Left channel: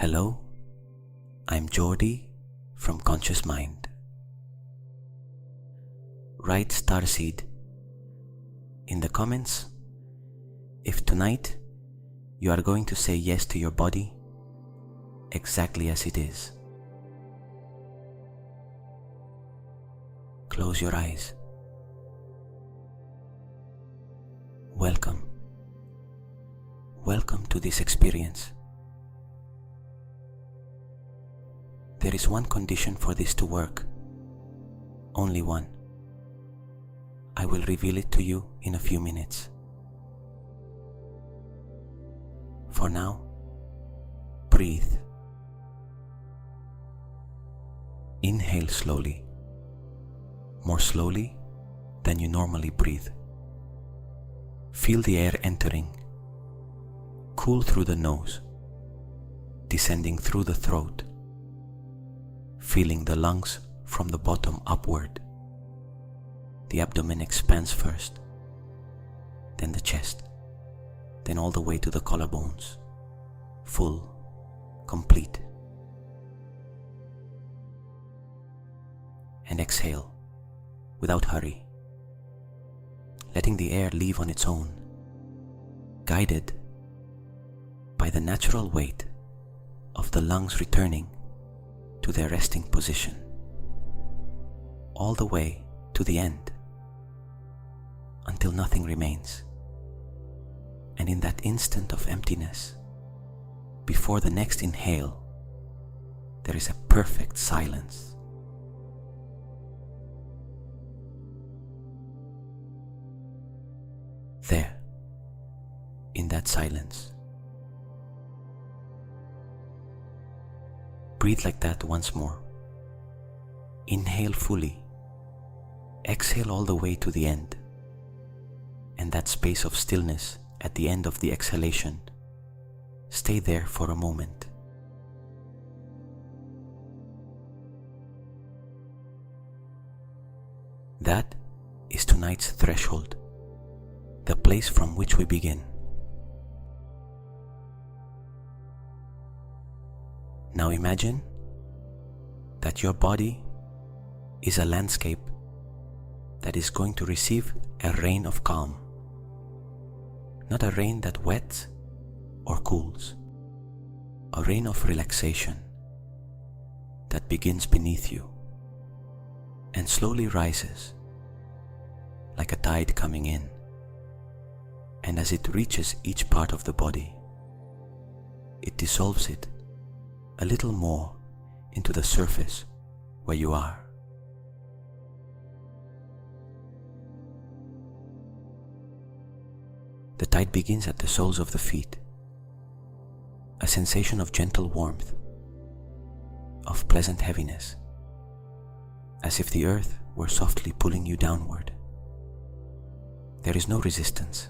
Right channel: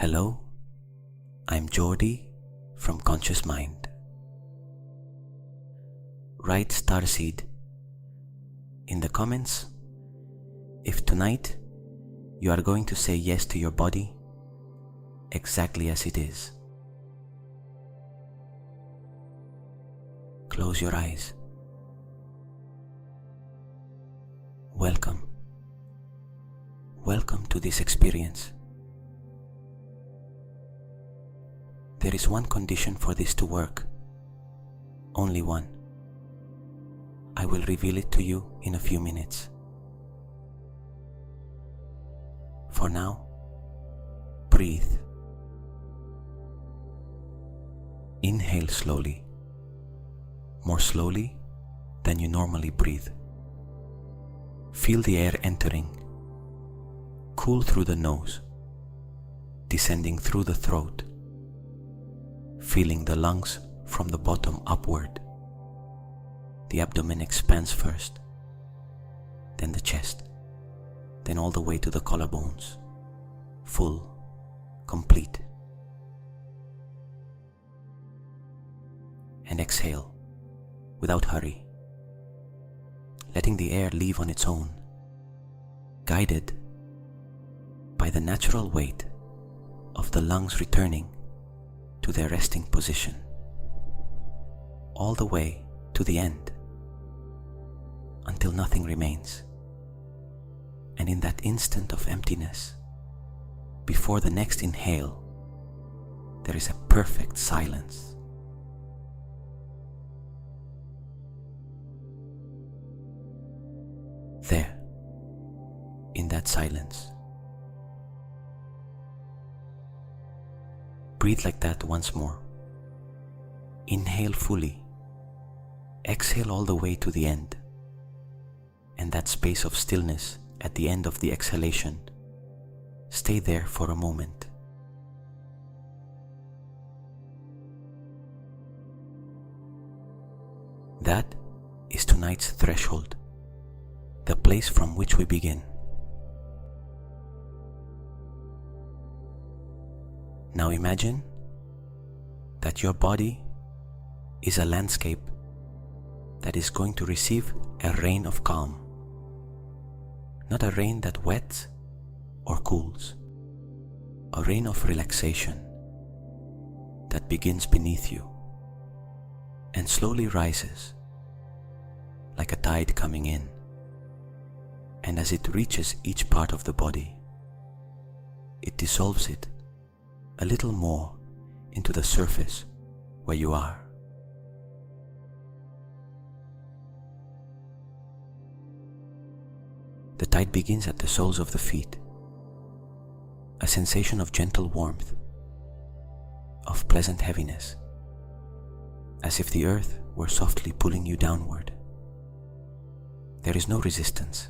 Hello, I'm Jordi from Conscious Mind. Write starseed in the comments if tonight you are going to say yes to your body exactly as it is. Close your eyes. Welcome to this experience. There is one condition for this to work, only one. I will reveal it to you in a few minutes. For now, breathe. Inhale slowly, more slowly than you normally breathe. Feel the air entering, cool through the nose, descending through the throat, feeling the lungs from the bottom upward. The abdomen expands first, then the chest, then all the way to the collarbones, full, complete. And exhale, without hurry, letting the air leave on its own, guided by the natural weight of the lungs returning to their resting position, all the way to the end, until nothing remains. And in that instant of emptiness, before the next inhale, there is a perfect silence. There, in that silence, breathe like that once more. Inhale fully, exhale all the way to the end, and that space of stillness at the end of the exhalation, stay there for a moment. That is tonight's threshold, the place from which we begin. Now imagine that your body is a landscape that is going to receive a rain of calm. Not a rain that wets or cools, a rain of relaxation that begins beneath you and slowly rises like a tide coming in. And as it reaches each part of the body, it dissolves it a little more into the surface where you are. The tide begins at the soles of the feet, a sensation of gentle warmth, of pleasant heaviness, as if the earth were softly pulling you downward. There is no resistance.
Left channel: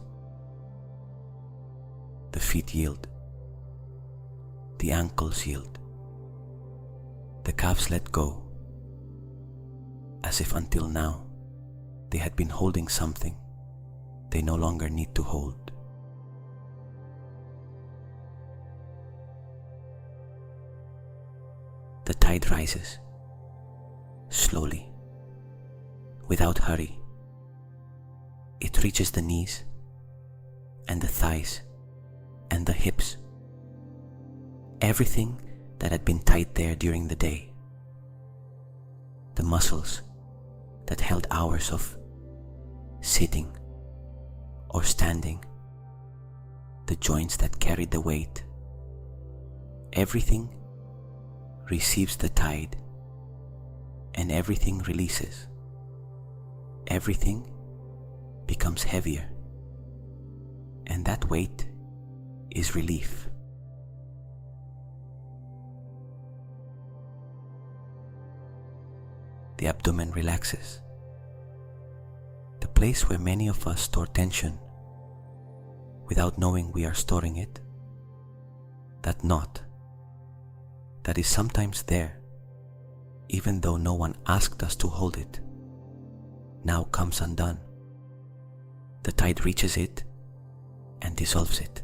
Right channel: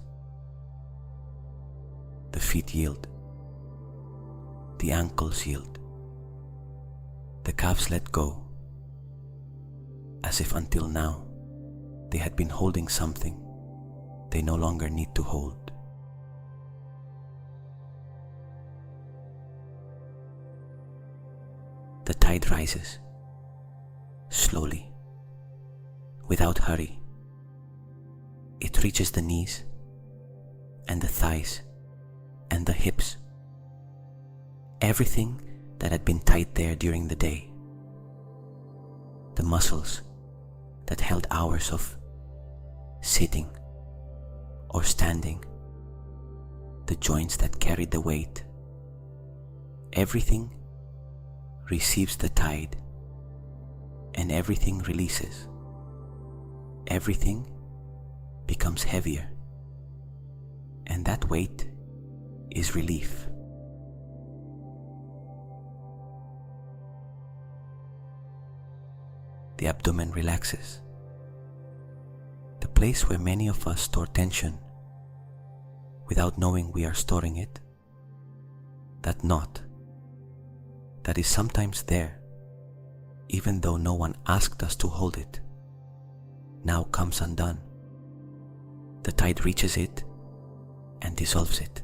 The feet yield, the ankles yield, the calves let go, as if until now they had been holding something they no longer need to hold. The tide rises, slowly, without hurry. It reaches the knees and the thighs and the hips, everything that had been tight there during the day, the muscles that held hours of sitting or standing, the joints that carried the weight, everything receives the tide and everything releases. Everything becomes heavier, and that weight is relief. The abdomen relaxes, the place where many of us store tension without knowing we are storing it. That knot that is sometimes there, even though no one asked us to hold it, now comes undone. The tide reaches it and dissolves it.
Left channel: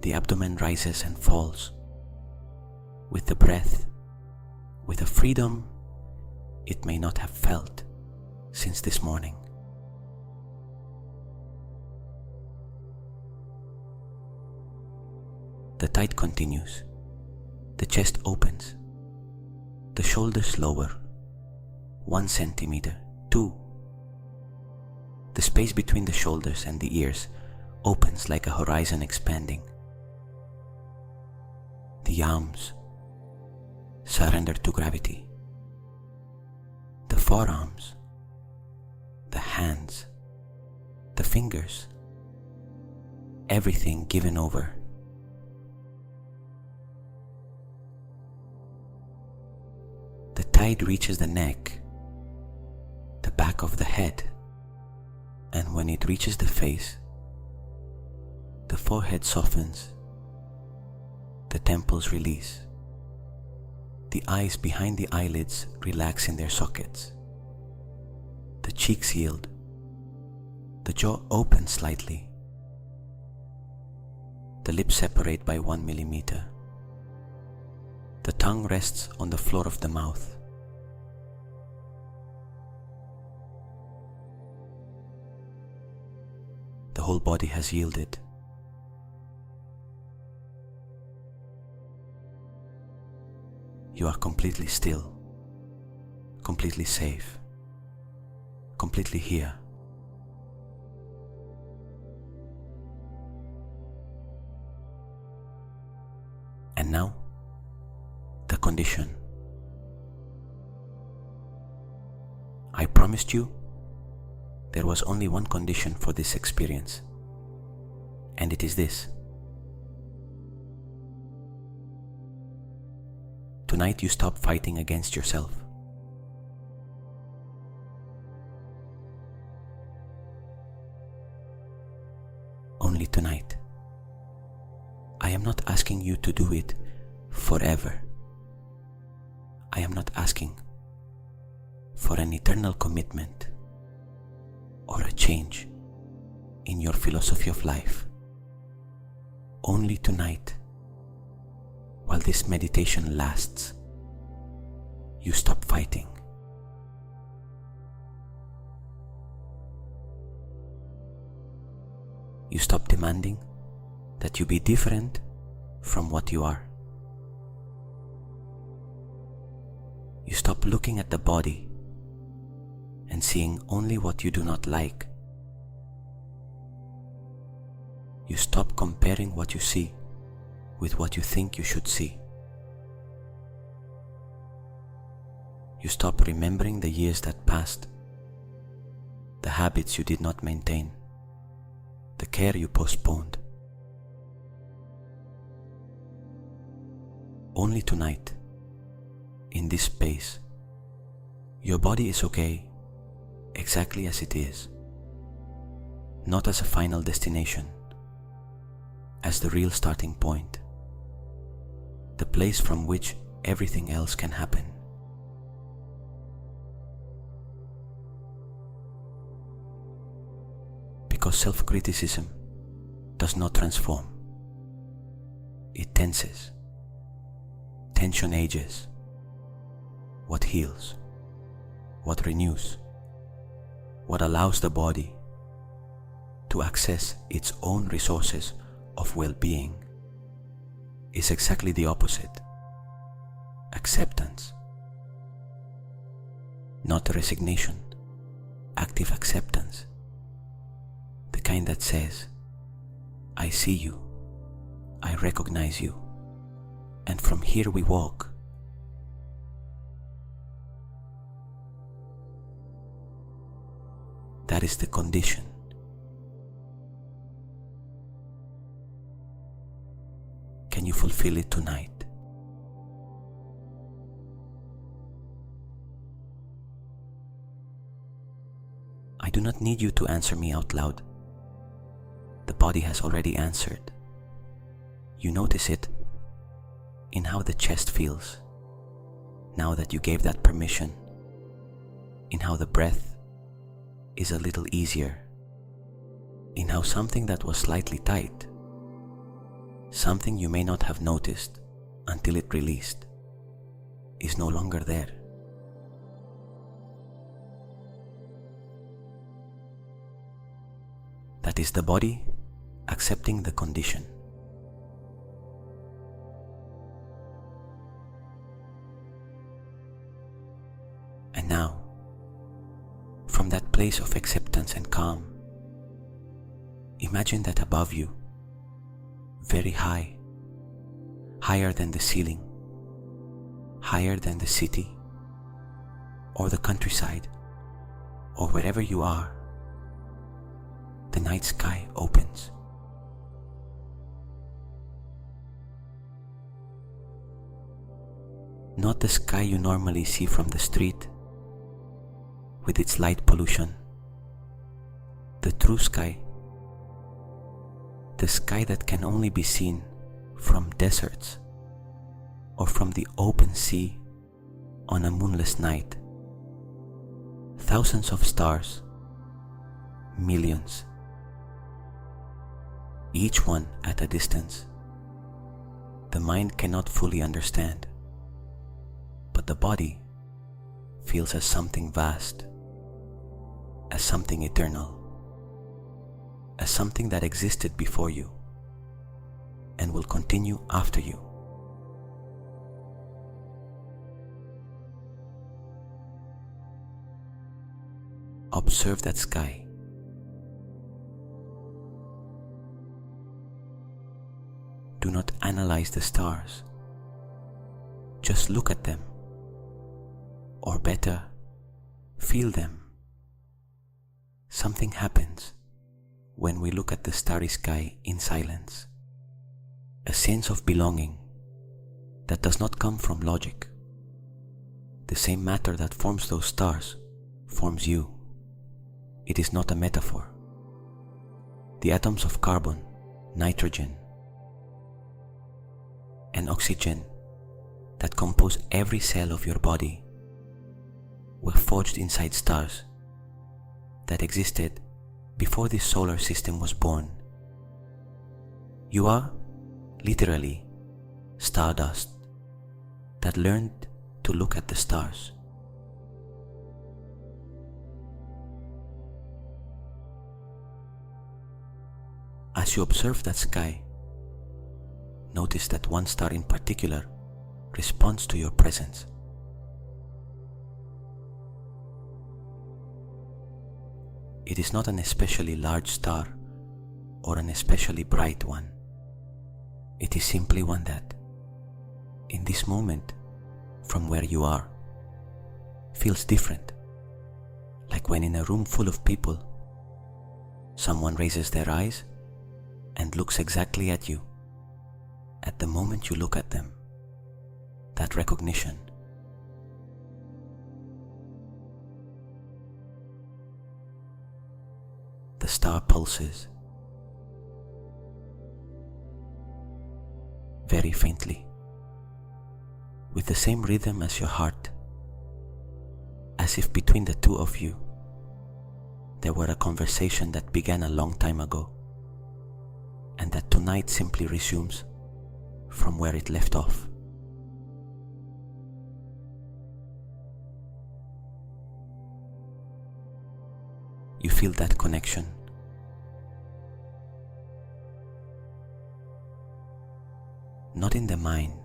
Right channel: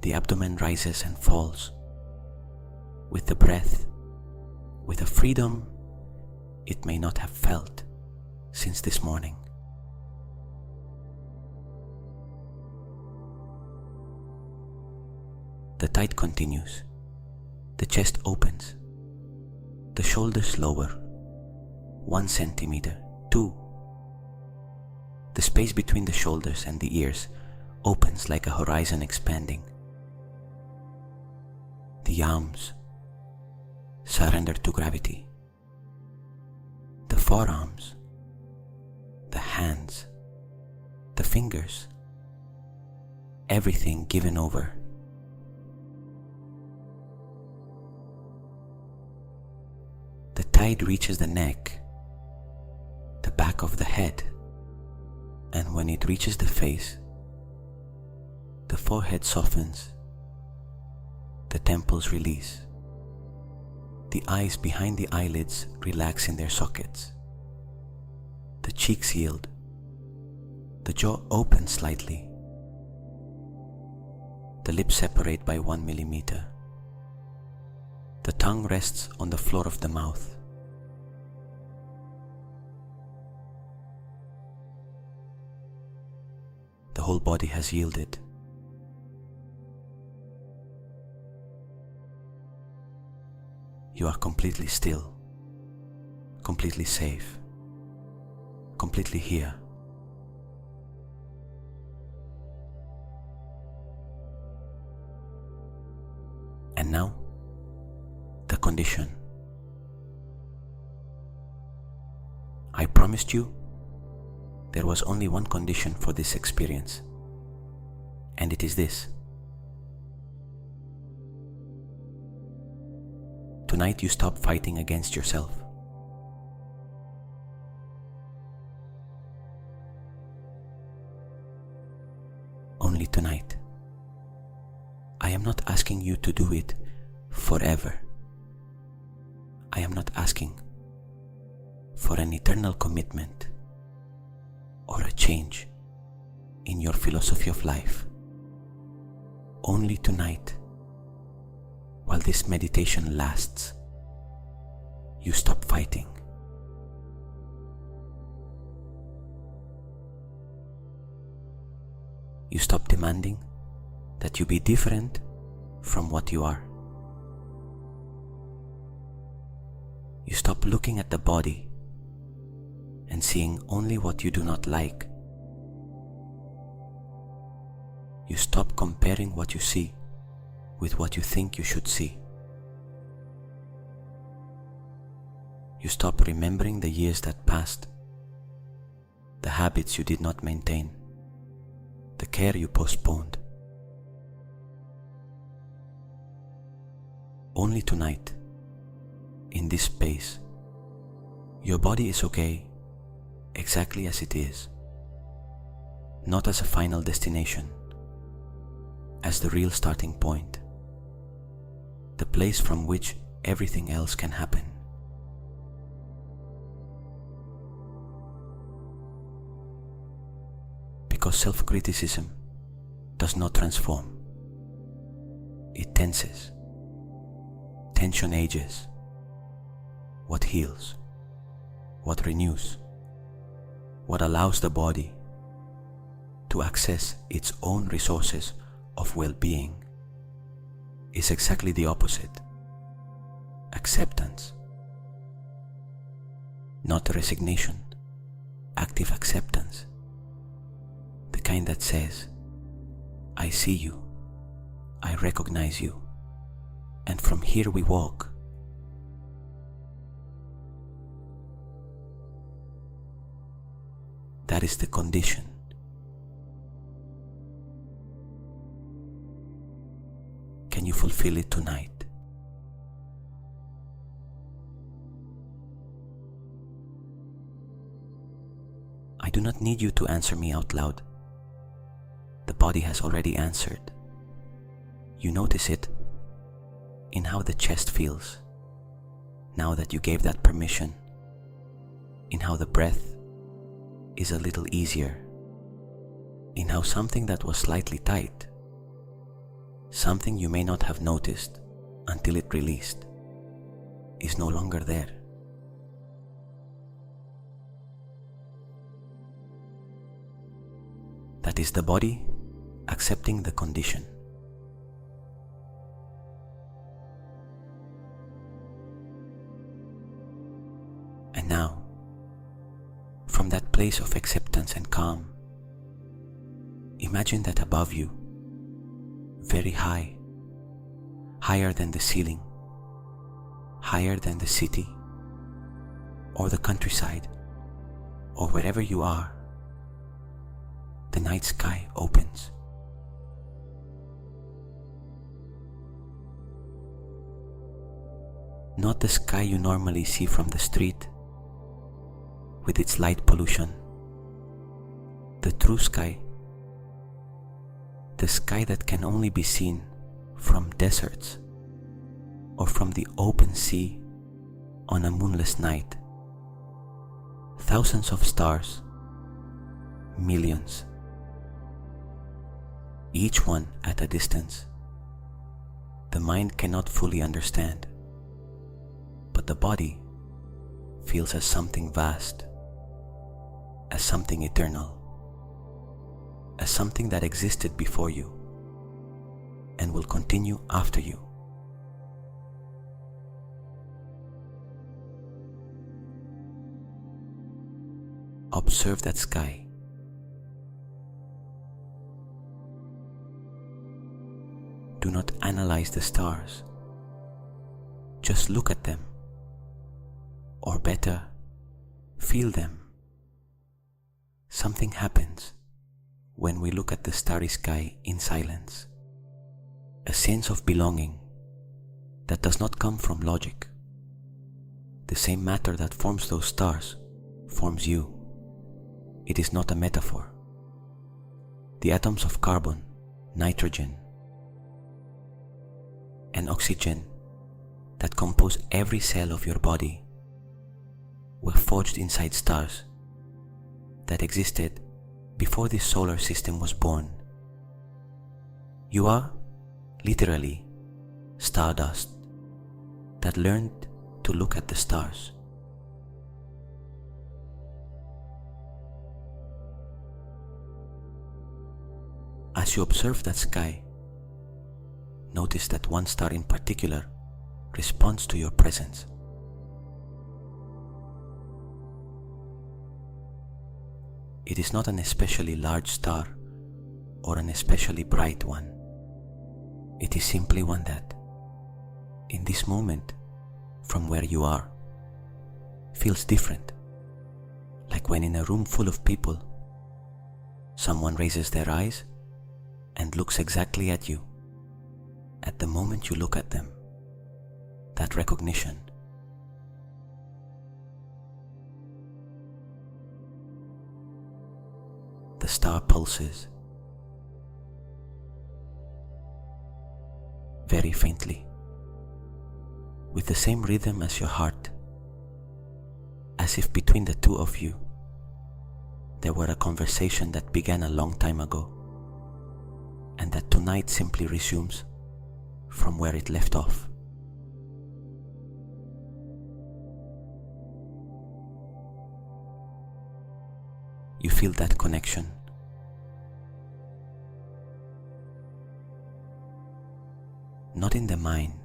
The abdomen rises and falls with the breath, with a freedom it may not have felt since this morning. The tide continues. The chest opens. The shoulders lower. 1 centimeter, 2. The space between the shoulders and the ears opens like a horizon expanding. The arms surrender to gravity. The forearms, the hands, the fingers, everything given over. The tide reaches the neck, the back of the head, and when it reaches the face, the forehead softens, the temples release, the eyes behind the eyelids relax in their sockets, the cheeks yield, the jaw opens slightly, the lips separate by 1 millimeter, the tongue rests on the floor of the mouth. The whole body has yielded. You are completely still, completely safe, completely here. And now, the condition. I promised you there was only one condition for this experience, and it is this. Tonight you stop fighting against yourself. Only tonight. I am not asking you to do it forever. I am not asking for an eternal commitment or a change in your philosophy of life. Only tonight, while this meditation lasts, you stop fighting. You stop demanding that you be different from what you are. You stop looking at the body and seeing only what you do not like. You stop comparing what you see with what you think you should see. You stop remembering the years that passed, the habits you did not maintain, the care you postponed. Only tonight, in this space, your body is okay exactly as it is, not as a final destination, as the real starting point, the place from which everything else can happen. Because self-criticism does not transform, it tenses. Tension ages. What heals, what renews, what allows the body to access its own resources of well-being is exactly the opposite. Acceptance. Not resignation, active acceptance. The kind that says, I see you, I recognize you, and from here we walk. That is the condition. Can you fulfill it tonight? I do not need you to answer me out loud. The body has already answered. You notice it in how the chest feels, now that you gave that permission, in how the breath is a little easier, in how something that was slightly tight, something you may not have noticed until it released is no longer there. That is the body accepting the condition. And now, from that place of acceptance and calm, imagine that above you, very high, higher than the ceiling, higher than the city, or the countryside, or wherever you are, the night sky opens. Not the sky you normally see from the street, with its light pollution. The true sky, the sky that can only be seen from deserts or from the open sea on a moonless night. Thousands of stars, millions, each one at a distance. The mind cannot fully understand, but the body feels as something vast, as something eternal, as something that existed before you and will continue after you. Observe that sky. Do not analyze the stars. Just look at them. Or better, feel them. Something happens when we look at the starry sky in silence. A sense of belonging that does not come from logic. The same matter that forms those stars forms you. It is not a metaphor. The atoms of carbon, nitrogen, and oxygen that compose every cell of your body were forged inside stars that existed before this solar system was born. You are, literally, stardust that learned to look at the stars. As you observe that sky, notice that one star in particular responds to your presence. It is not an especially large star or an especially bright one. It is simply one that, in this moment, from where you are, feels different. Like when in a room full of people, someone raises their eyes and looks exactly at you. At the moment you look at them, that recognition, the star pulses very faintly, with the same rhythm as your heart, as if between the two of you there were a conversation that began a long time ago and that tonight simply resumes from where it left off. You feel that connection. Not in the mind,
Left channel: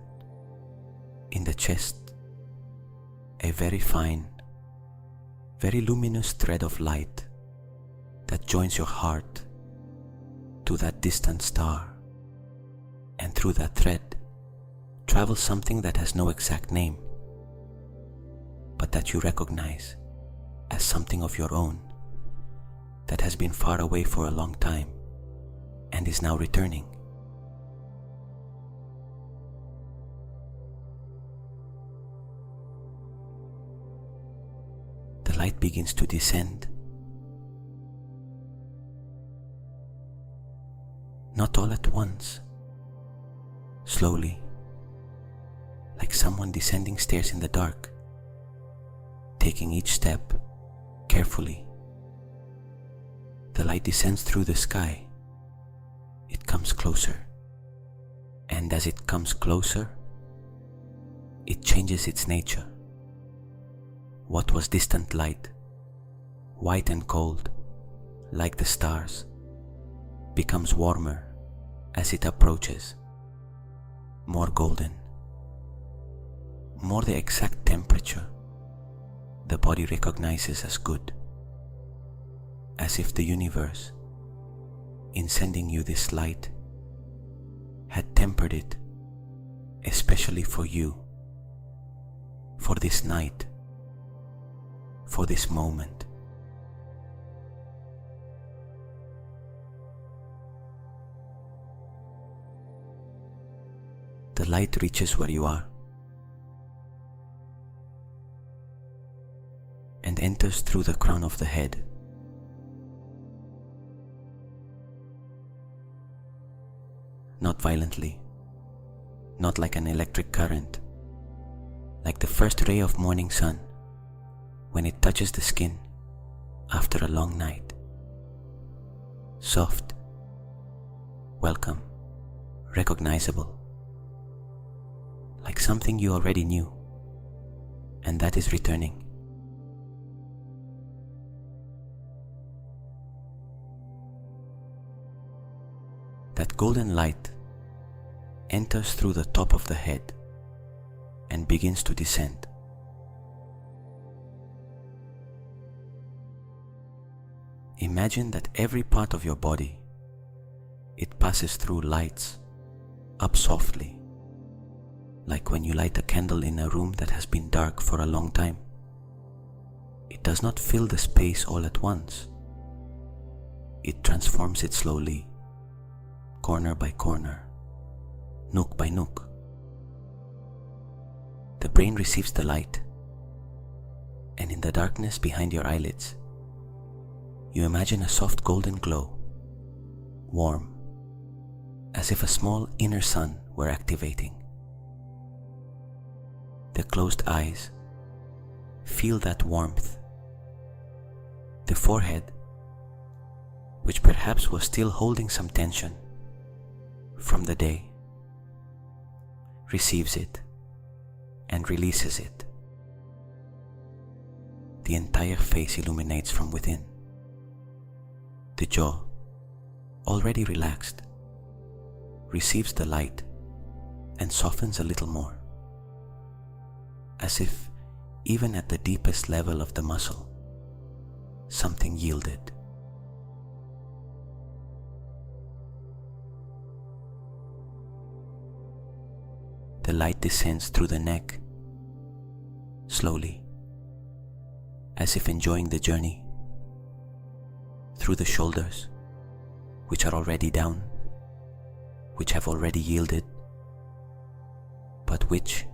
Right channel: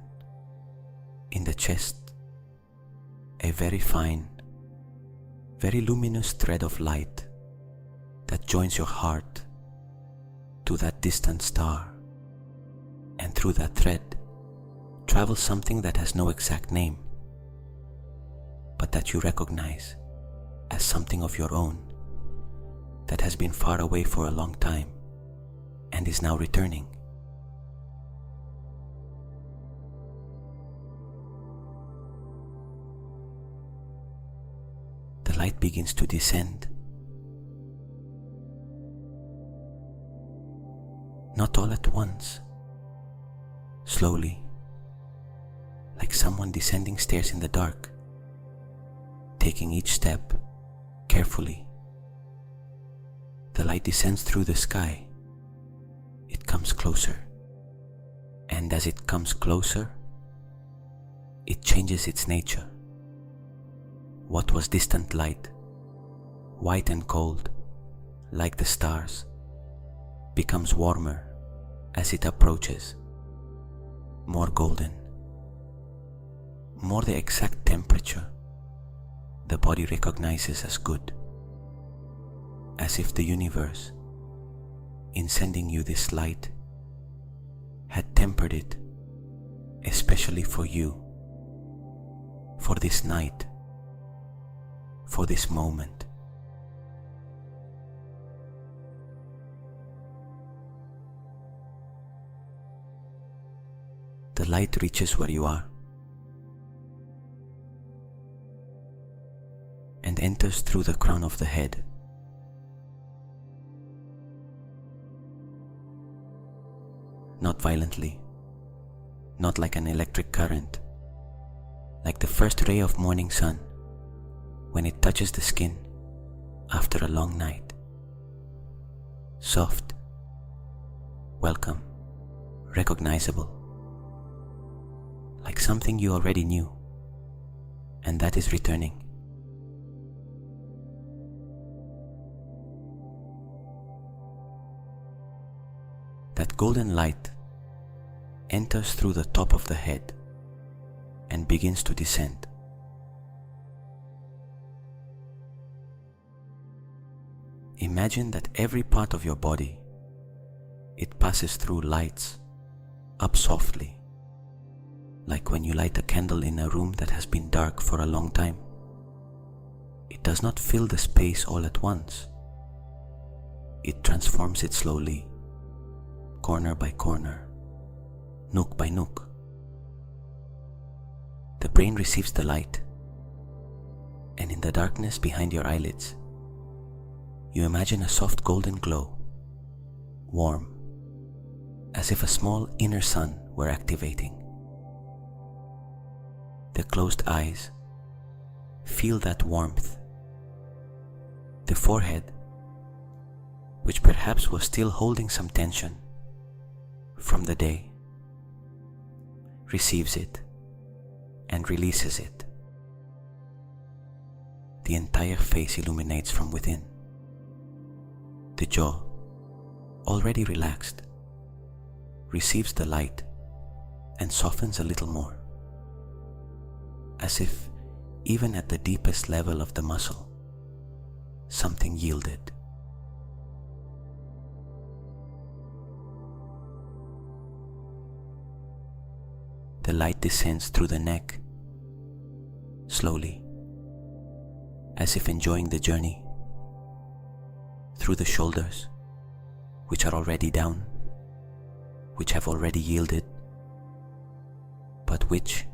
in the chest, a very fine, very luminous thread of light that joins your heart to that distant star, and through that thread travels something that has no exact name, but that you recognize as something of your own, that has been far away for a long time and is now returning. The light begins to descend. Not all at once, slowly, like someone descending stairs in the dark, taking each step carefully. The light descends through the sky. It comes closer, and as it comes closer, it changes its nature. What was distant light, white and cold, like the stars, becomes warmer as it approaches, more golden, more the exact temperature the body recognizes as good, as if the universe, in sending you this light, had tempered it especially for you, for this night, for this moment. The light reaches where you are and enters through the crown of the head. Not violently, not like an electric current, like the first ray of morning sun when it touches the skin after a long night. Soft, welcome, recognizable, like something you already knew, and that is returning. That golden light enters through the top of the head and begins to descend. Imagine that every part of your body, it passes through lights up softly, like when you light a candle in a room that has been dark for a long time. It does not fill the space all at once. It transforms it slowly, corner by corner, nook by nook. The brain receives the light, and in the darkness behind your eyelids, you imagine a soft golden glow, warm, as if a small inner sun were activating. The closed eyes feel that warmth. The forehead, which perhaps was still holding some tension from the day, receives it and releases it. The entire face illuminates from within. The jaw, already relaxed, receives the light and softens a little more, as if even at the deepest level of the muscle, something yielded. The light descends through the neck, slowly, as if enjoying the journey, through the shoulders, which are already down, which have already yielded, but which,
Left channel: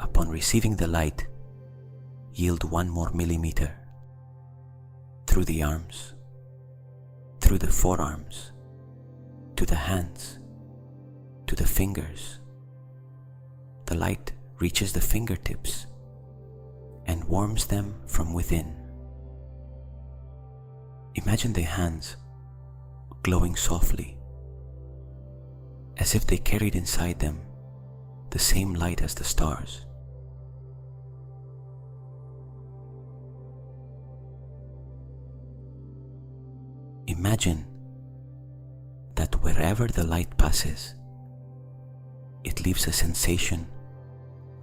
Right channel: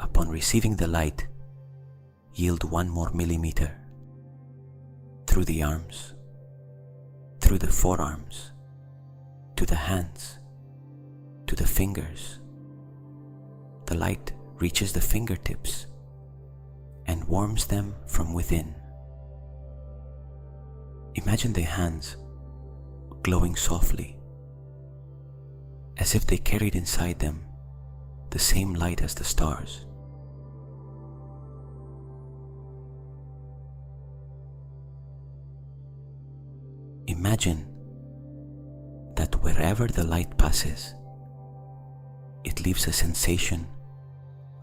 upon receiving the light, yield 1 more millimeter, through the arms, through the forearms, to the hands, to the fingers. The light reaches the fingertips and warms them from within. Imagine the hands glowing softly, as if they carried inside them the same light as the stars. Imagine that wherever the light passes, it leaves a sensation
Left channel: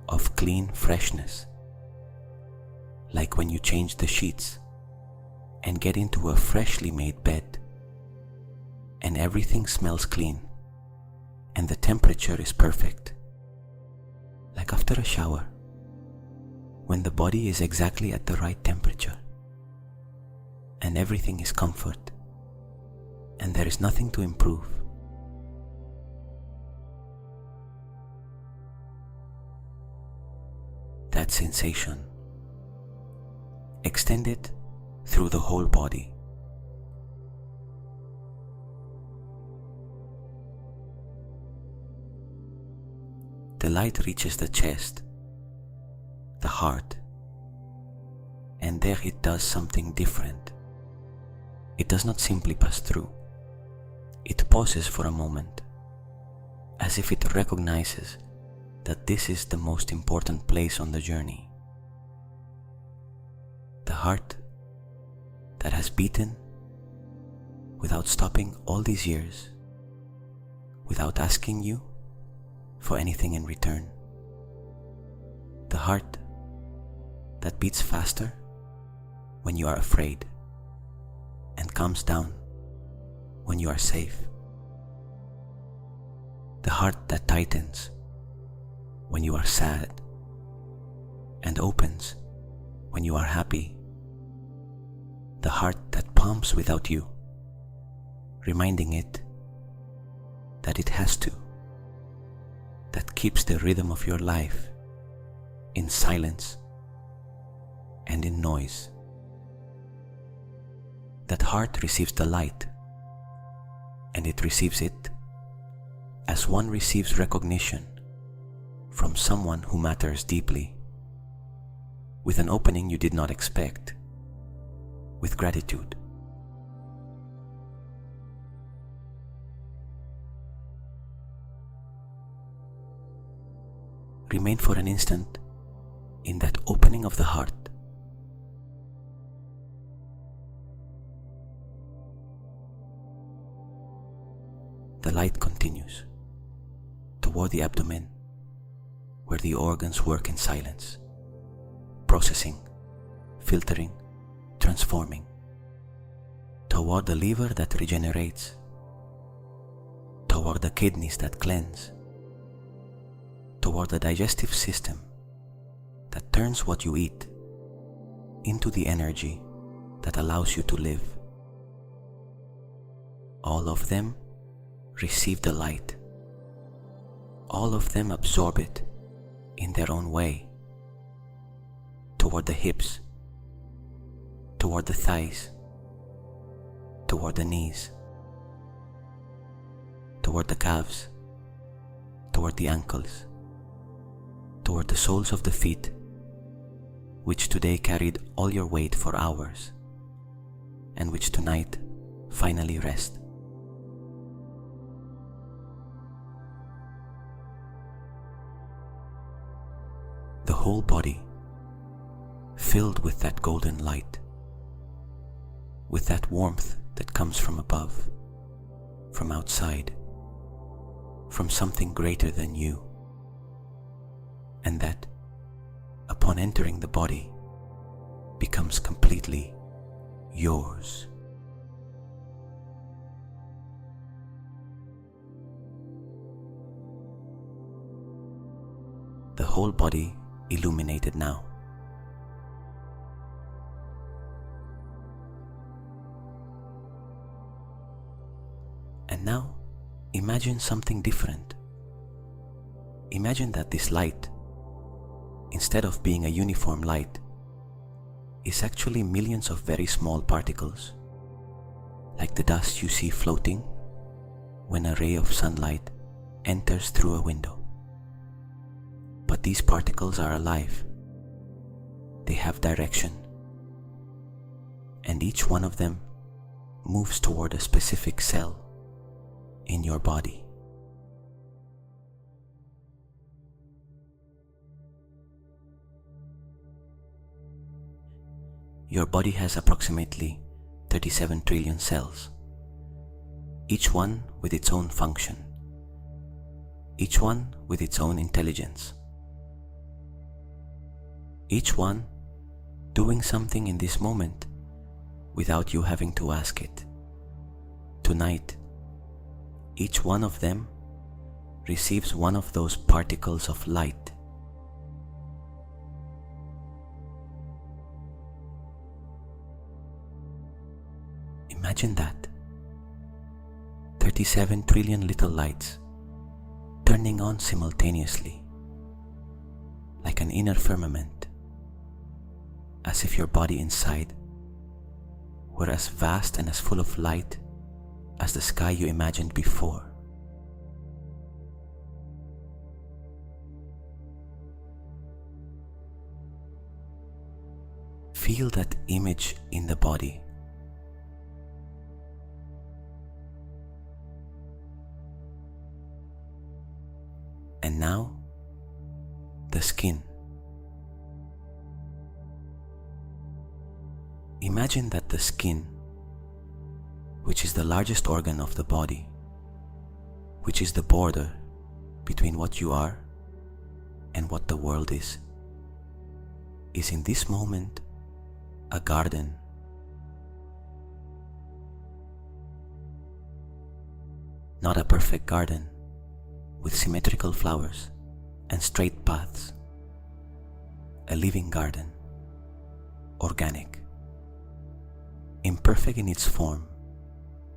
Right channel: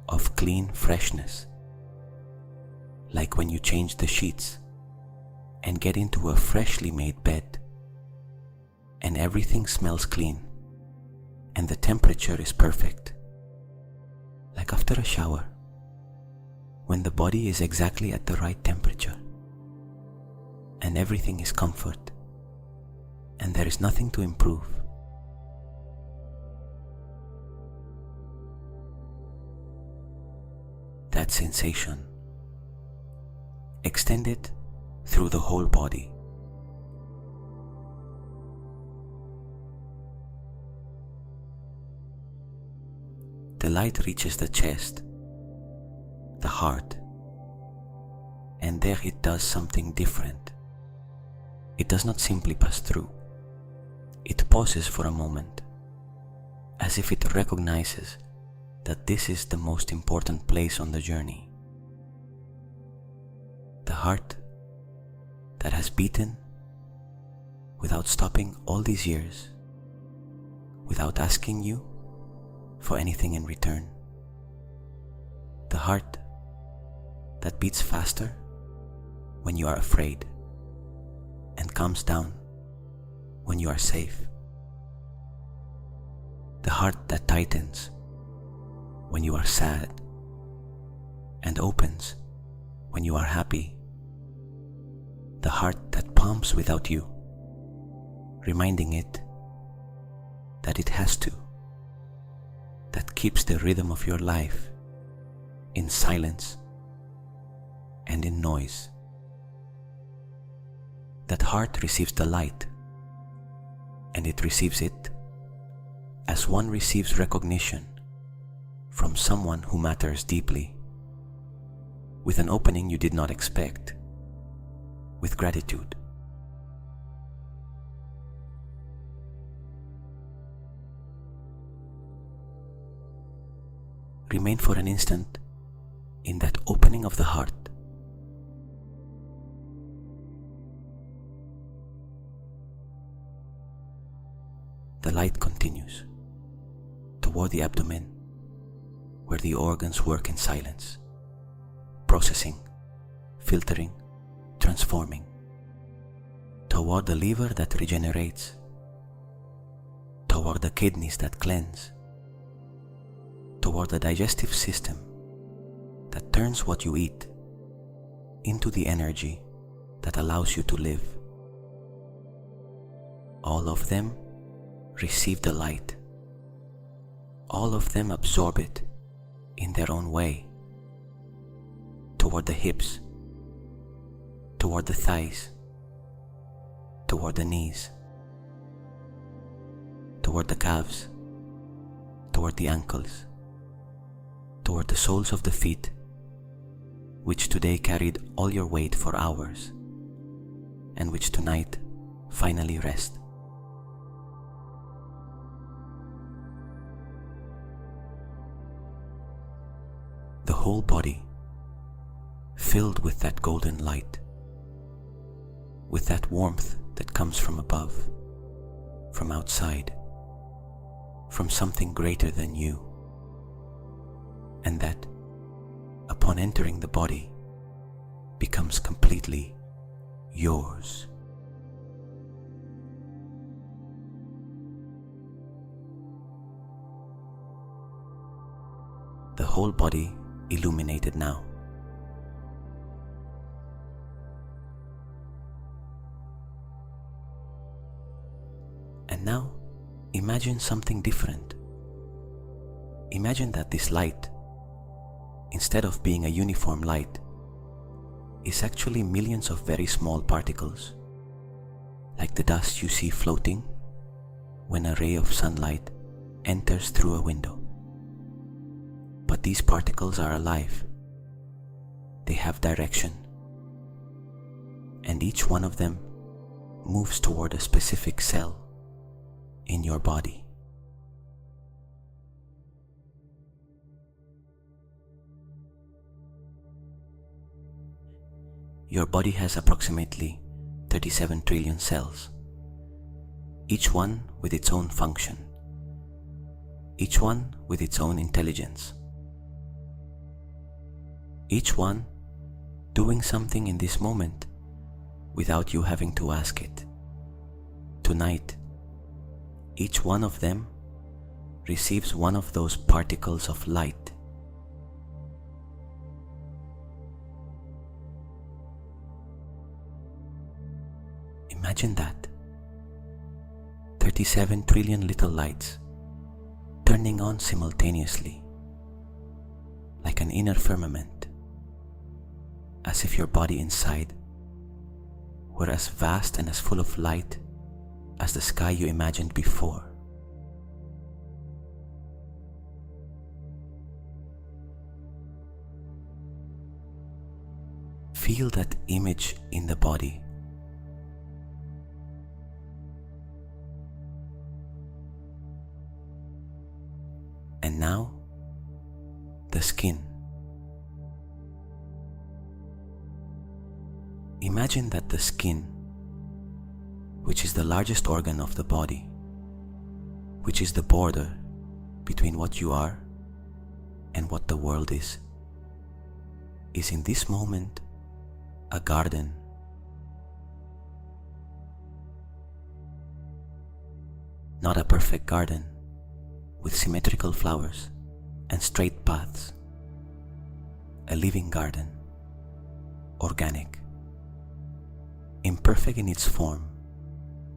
of clean freshness, like when you change the sheets and get into a freshly made bed, and everything smells clean and the temperature is perfect, like after a shower, when the body is exactly at the right temperature and everything is comfort and there is nothing to improve. That sensation, extend it through the whole body. The light reaches the chest, the heart, and there it does something different. It does not simply pass through. It pauses for a moment, as if it recognizes that this is the most important place on the journey. The heart that has beaten without stopping all these years, without asking you for anything in return. The heart that beats faster when you are afraid and calms down when you are safe. The heart that tightens when you are sad and opens when you are happy. The heart that pumps without you, reminding it that it has to, that keeps the rhythm of your life in silence and in noise. That heart receives the light, and it receives it as one receives recognition from someone who matters deeply, with an opening you did not expect, with gratitude. Remain for an instant in that opening of the heart. The light continues toward the abdomen, where the organs work in silence, processing, filtering, transforming, toward the liver that regenerates, toward the kidneys that cleanse, toward the digestive system that turns what you eat into the energy that allows you to live. All of them receive the light. All of them absorb it in their own way, toward the hips, toward the thighs, toward the knees, toward the calves, toward the ankles, toward the soles of the feet, which today carried all your weight for hours, and which tonight finally rest. The whole body filled with that golden light, with that warmth that comes from above, from outside, from something greater than you, and that, upon entering the body, becomes completely yours. The whole body illuminated now. And now, imagine something different. Imagine that this light, instead of being a uniform light, is actually millions of very small particles, like the dust you see floating when a ray of sunlight enters through a window. But these particles are alive. They have direction, and each one of them moves toward a specific cell in your body. Your body has approximately 37 trillion cells, each one with its own function, each one with its own intelligence, each one doing something in this moment without you having to ask it. Tonight, each one of them receives one of those particles of light. Imagine that. 37 trillion little lights turning on simultaneously, like an inner firmament, as if your body inside were as vast and as full of light as the sky you imagined before. Feel that image in the body. And now, the skin. Imagine that the skin, which is the largest organ of the body, which is the border between what you are and what the world is in this moment a garden. Not a perfect garden with symmetrical flowers and straight paths. A living garden, organic, imperfect in its form,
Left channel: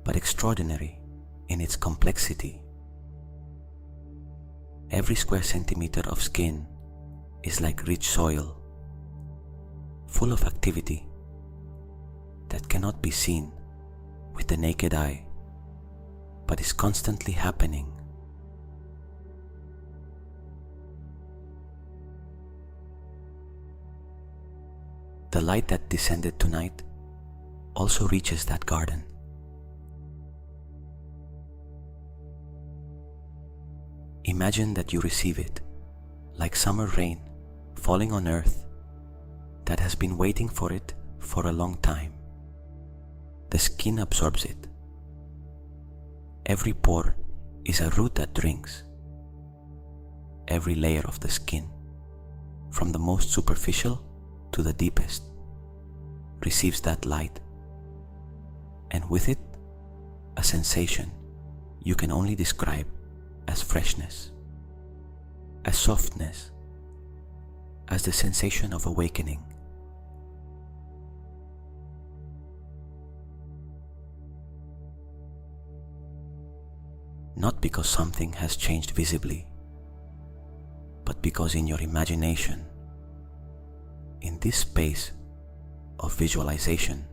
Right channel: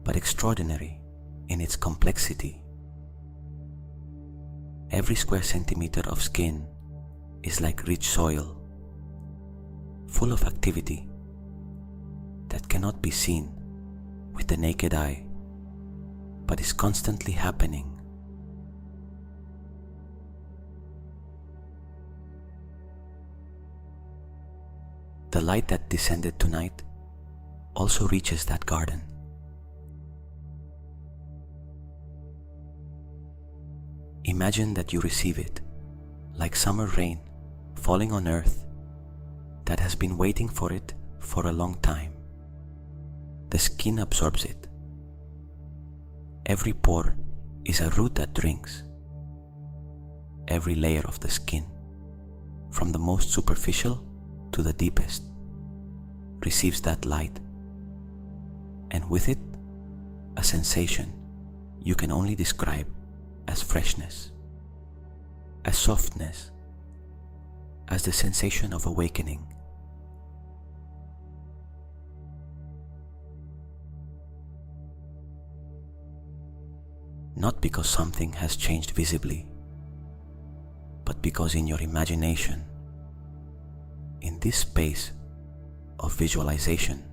but extraordinary in its complexity. Every square centimeter of skin is like rich soil, full of activity that cannot be seen with the naked eye, but is constantly happening. The light that descended tonight also reaches that garden. Imagine that you receive it like summer rain falling on earth that has been waiting for it for a long time. The skin absorbs it. Every pore is a root that drinks. Every layer of the skin, from the most superficial to the deepest, receives that light, and with it, a sensation you can only describe as freshness, as softness, as the sensation of awakening. Not because something has changed visibly, but because in your imagination, in this space of visualization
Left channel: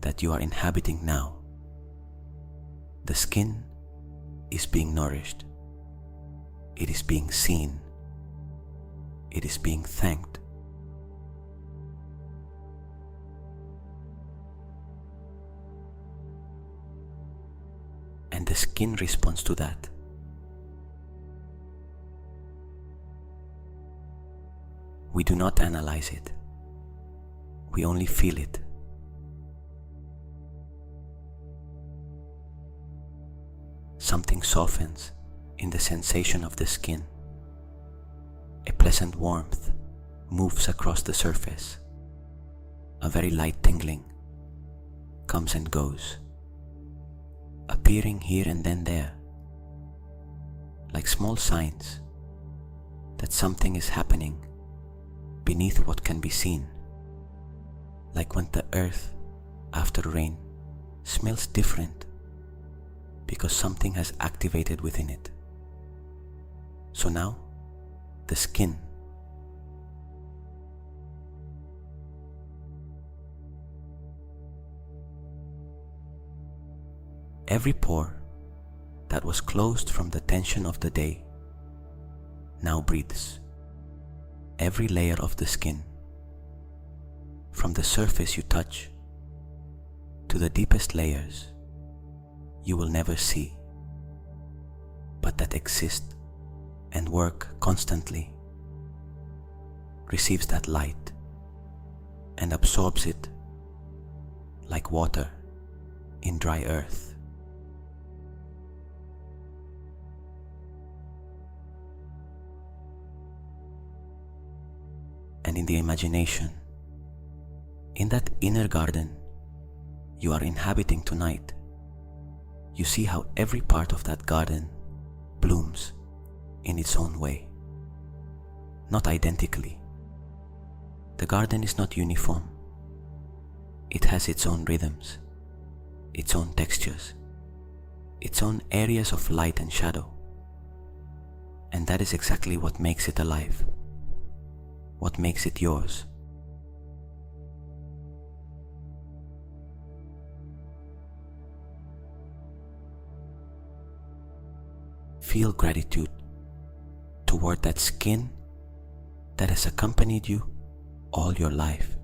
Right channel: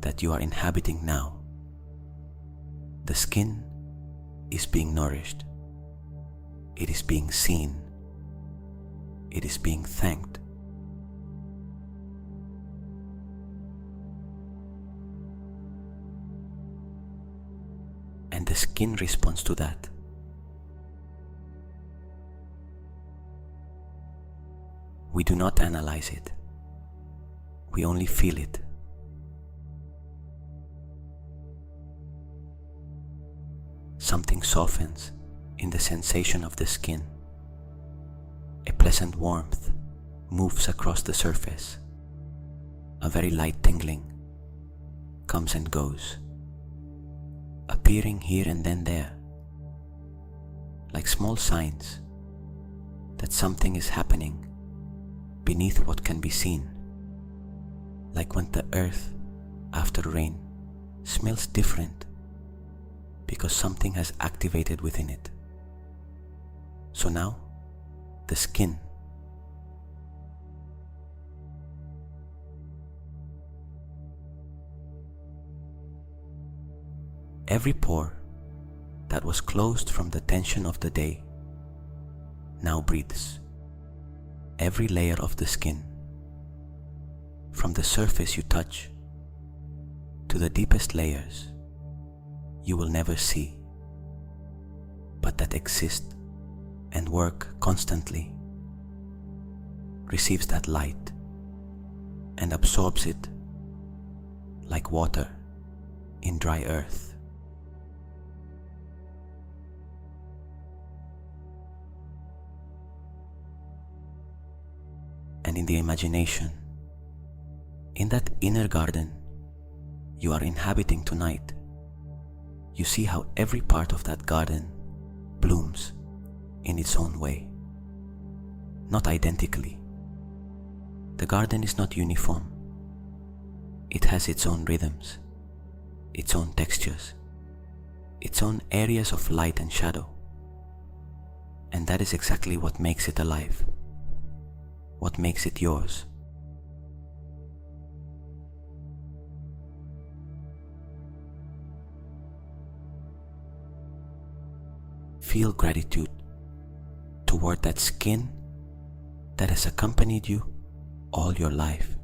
that you are inhabiting now, the skin is being nourished, it is being seen, it is being thanked. And the skin responds to that. We do not analyze it, we only feel it. Something softens in the sensation of the skin. A pleasant warmth moves across the surface. A very light tingling comes and goes, appearing here and then there, like small signs that something is happening beneath what can be seen, like when the earth after rain smells different because something has activated within it. So now, the skin. Every pore that was closed from the tension of the day now breathes. Every layer of the skin, from the surface you touch to the deepest layers you will never see, but that exist and work constantly, receives that light and absorbs it like water in dry earth. And in the imagination, in that inner garden you are inhabiting tonight, you see how every part of that garden blooms in its own way, not identically. The garden is not uniform. It has its own rhythms, its own textures, its own areas of light and shadow. And that is exactly what makes it alive, what makes it yours. Feel gratitude toward that skin that has accompanied you all your life,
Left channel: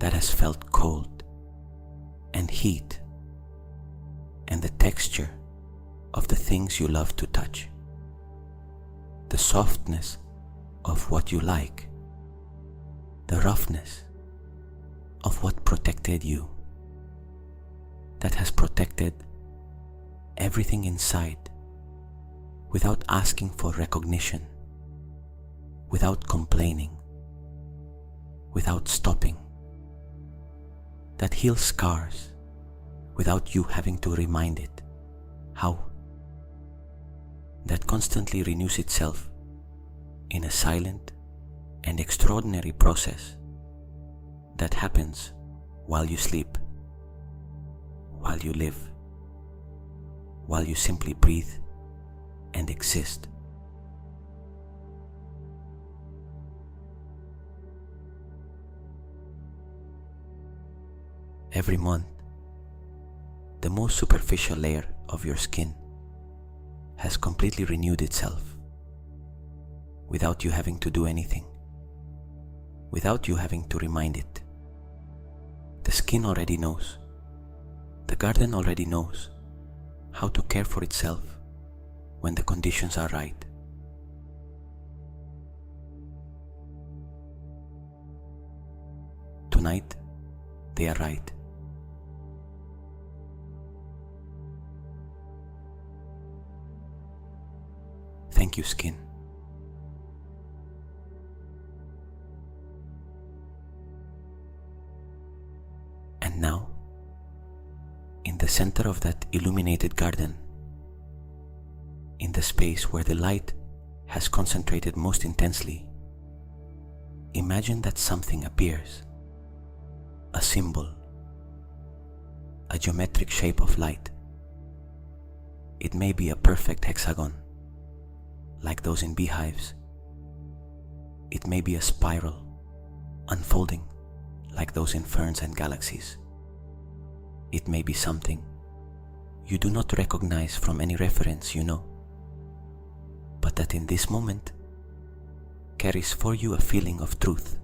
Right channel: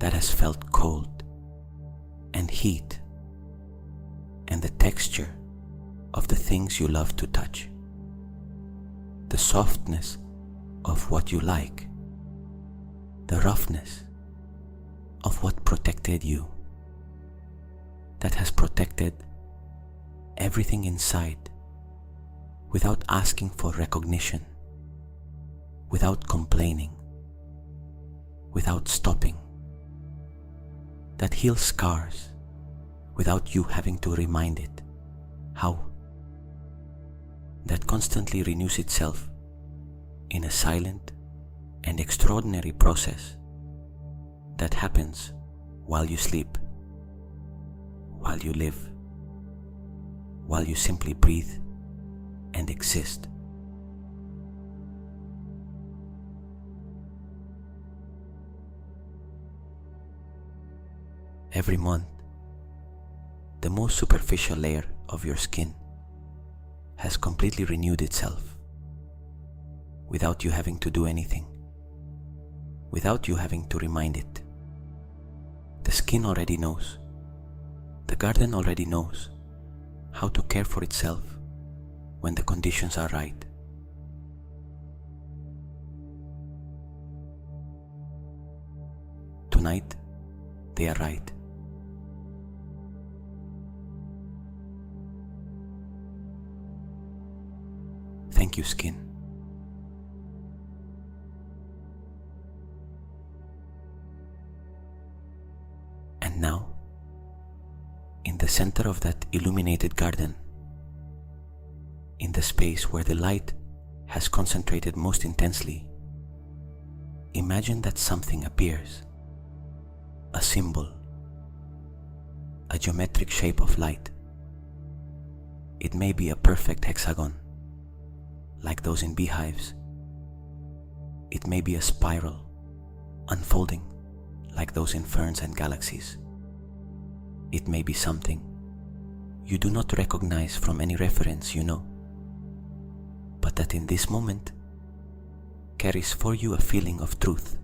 that has felt cold and heat and the texture of the things you love to touch, the softness of what you like, the roughness of what protected you, that has protected everything inside without asking for recognition, without complaining, without stopping, that heals scars without you having to remind it how, that constantly renews itself in a silent and extraordinary process that happens while you sleep, while you live, while you simply breathe and exist. Every month, the most superficial layer of your skin has completely renewed itself without you having to do anything, without you having to remind it. The skin already knows, the garden already knows how to care for itself when the conditions are right. Tonight, they are right. Thank you, skin. And now, in the center of that illuminated garden, in the space where the light has concentrated most intensely, imagine that something appears, a symbol, a geometric shape of light. It may be a perfect hexagon, like those in beehives. It may be a spiral, unfolding, like those in ferns and galaxies. It may be something you do not recognize from any reference you know, but that in this moment carries for you a feeling of truth.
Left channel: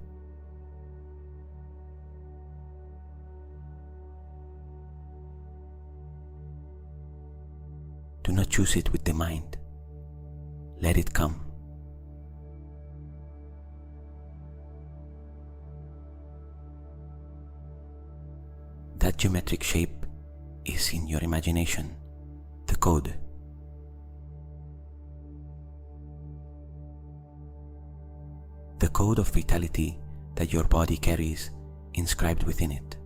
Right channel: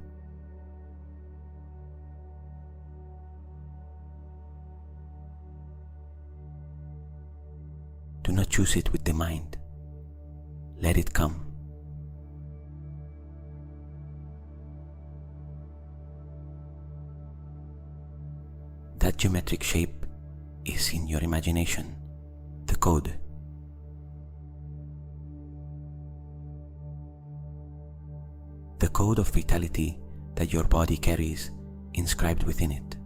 Do not choose it with the mind. Let it come. That geometric shape is in your imagination, the code. The code of vitality that your body carries inscribed within it,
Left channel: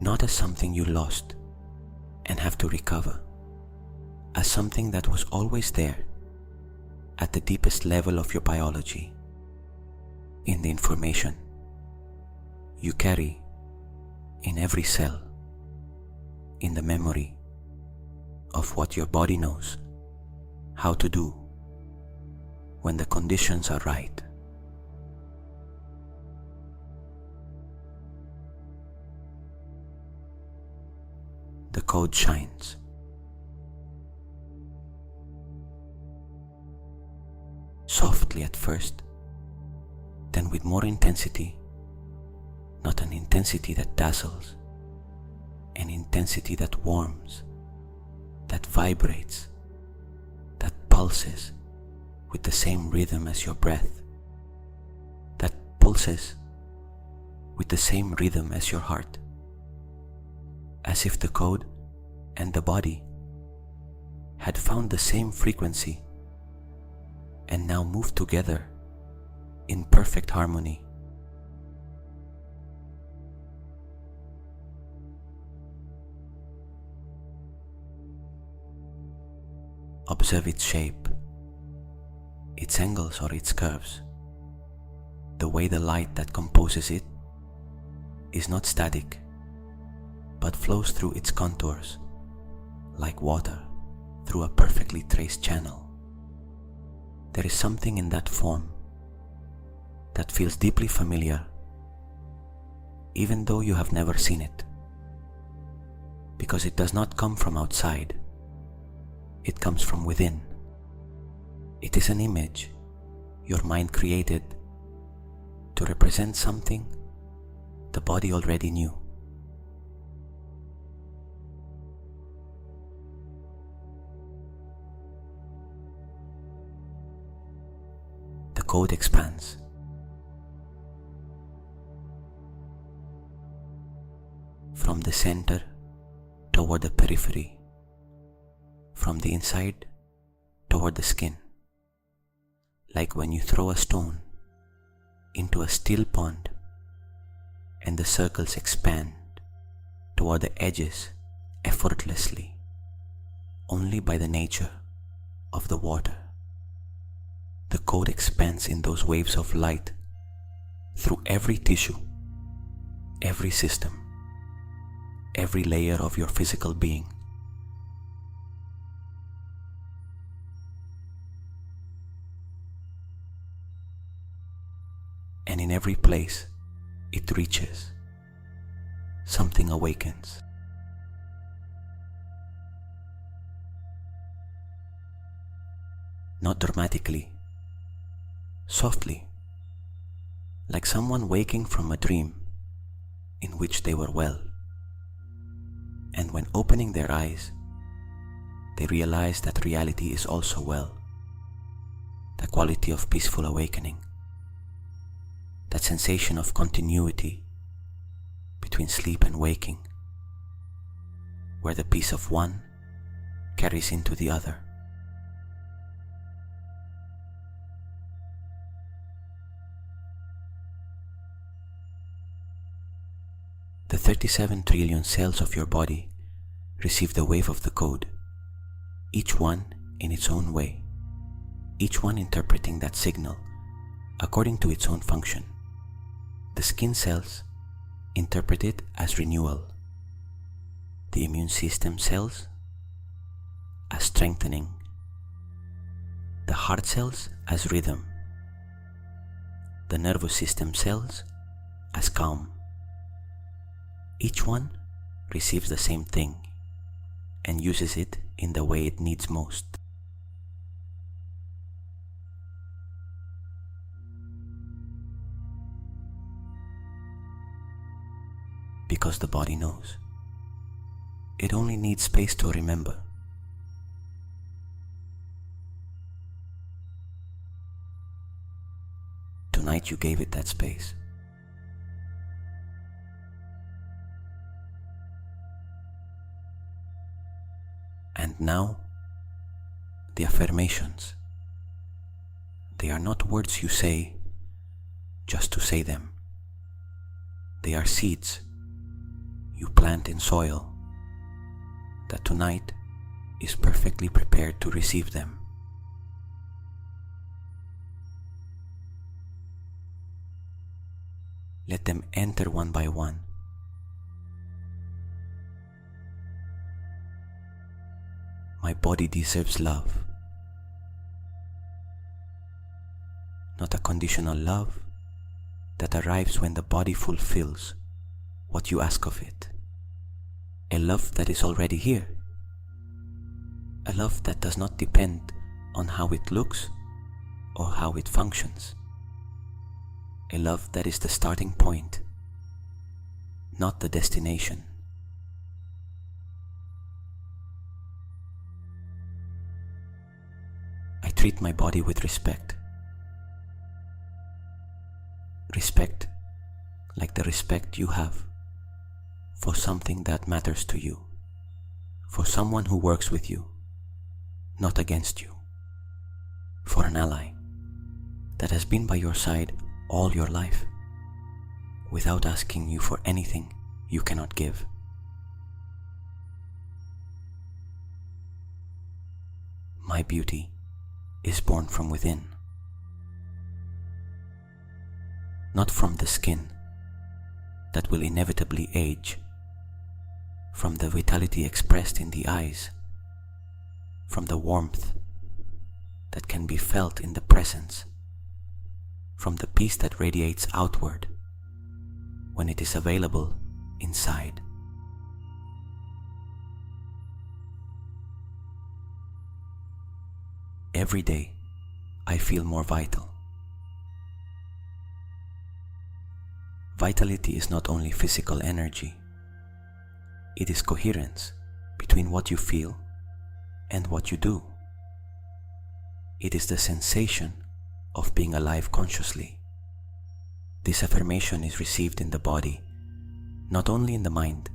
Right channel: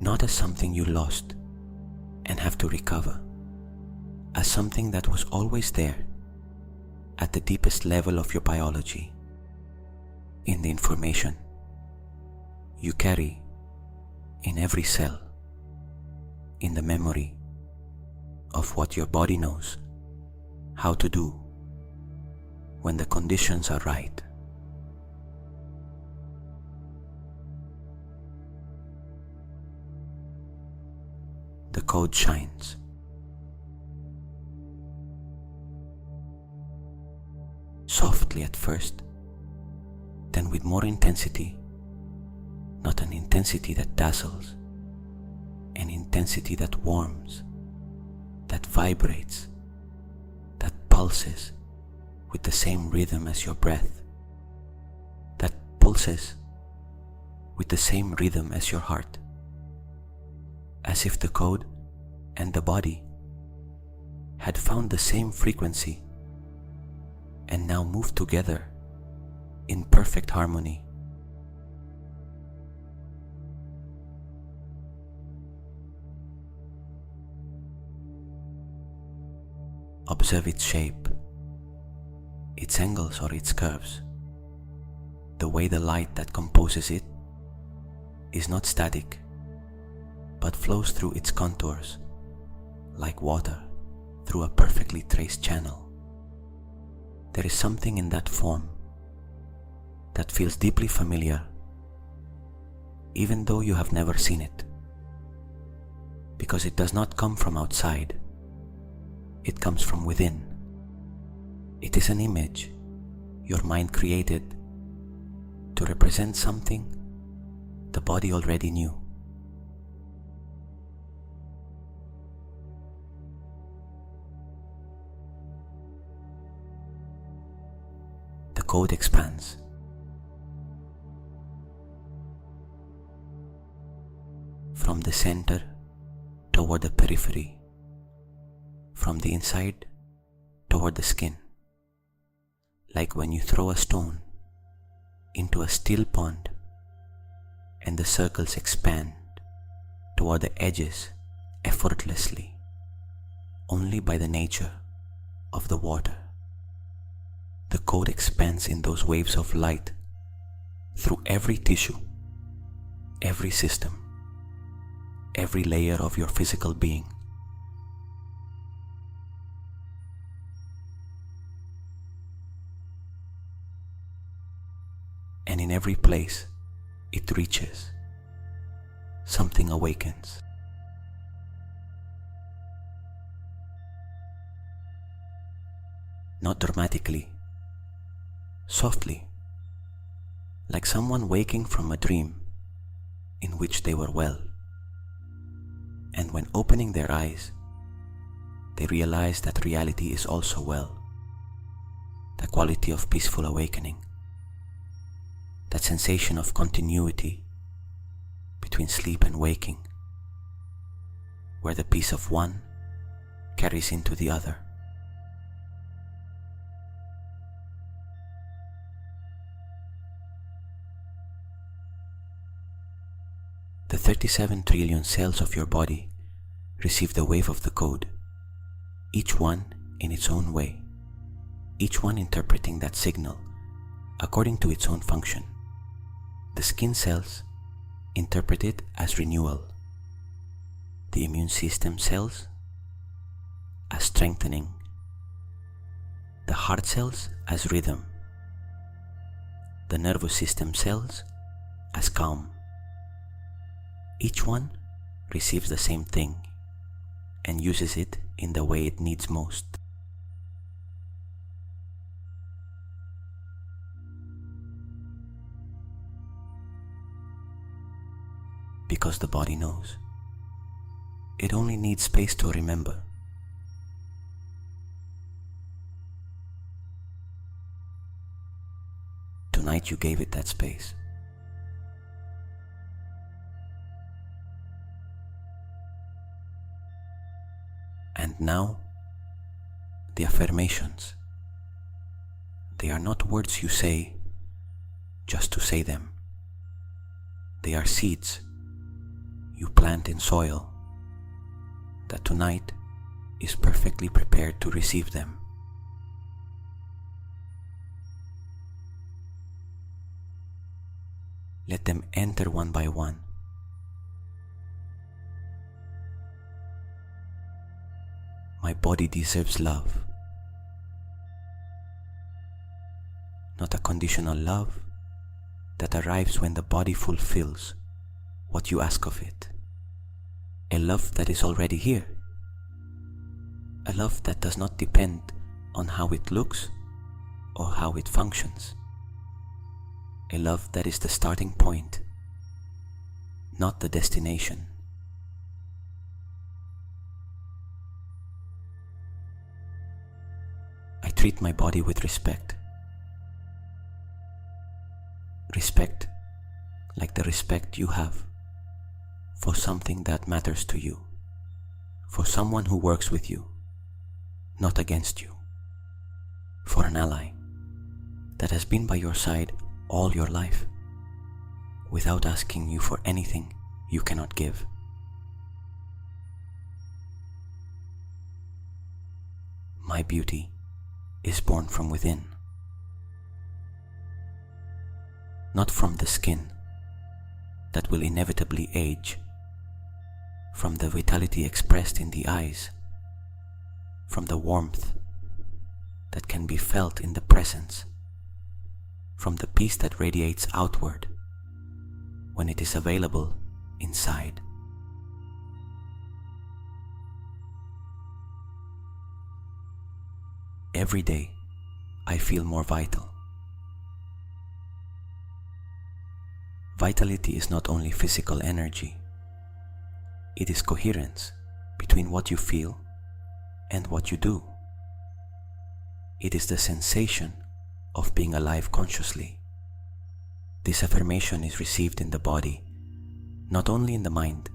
not as something you lost and have to recover, as something that was always there at the deepest level of your biology, in the information you carry in every cell, in the memory of what your body knows how to do when the conditions are right. The code shines. Softly at first, then with more intensity, not an intensity that dazzles, an intensity that warms, that vibrates, that pulses with the same rhythm as your breath, that pulses with the same rhythm as your heart, as if the code and the body had found the same frequency and now move together in perfect harmony. Observe its shape, its angles or its curves. The way the light that composes it is not static, but flows through its contours like water through a perfectly traced channel. There is something in that form that feels deeply familiar, even though you have never seen it, because it does not come from outside, it comes from within. It is an image your mind created to represent something the body already knew. The code expands. From the center toward the periphery, from the inside toward the skin, like when you throw a stone into a still pond and the circles expand toward the edges effortlessly, only by the nature of the water. The code expands in those waves of light through every tissue, every system, every layer of your physical being. And in every place it reaches, something awakens. Not dramatically, softly, like someone waking from a dream in which they were well. And when opening their eyes, they realize that reality is also well. The quality of peaceful awakening, that sensation of continuity between sleep and waking, where the peace of one carries into the other. The 37 trillion cells of your body receive the wave of the code, each one in its own way, each one interpreting that signal according to its own function. The skin cells interpret it as renewal, the immune system cells as strengthening, the heart cells as rhythm, the nervous system cells as calm. Each one receives the same thing and uses it in the way it needs most. Because the body knows. It only needs space to remember. Tonight you gave it that space. And now, the affirmations. They are not words you say just to say them. They are seeds you plant in soil that tonight is perfectly prepared to receive them. Let them enter one by one. My body deserves love, not a conditional love that arrives when the body fulfills what you ask of it. A love that is already here. A love that does not depend on how it looks or how it functions. A love that is the starting point, not the destination. I treat my body with respect. Respect like the respect you have for something that matters to you, for someone who works with you, not against you, for an ally that has been by your side all your life, without asking you for anything you cannot give. My beauty is born from within, not from the skin that will inevitably age, from the vitality expressed in the eyes, from the warmth that can be felt in the presence, from the peace that radiates outward when it is available inside. Every day I feel more vital. Vitality is not only physical energy, it is coherence between what you feel and what you do. It is the sensation of being alive consciously. This affirmation is received in the body, not only in the mind.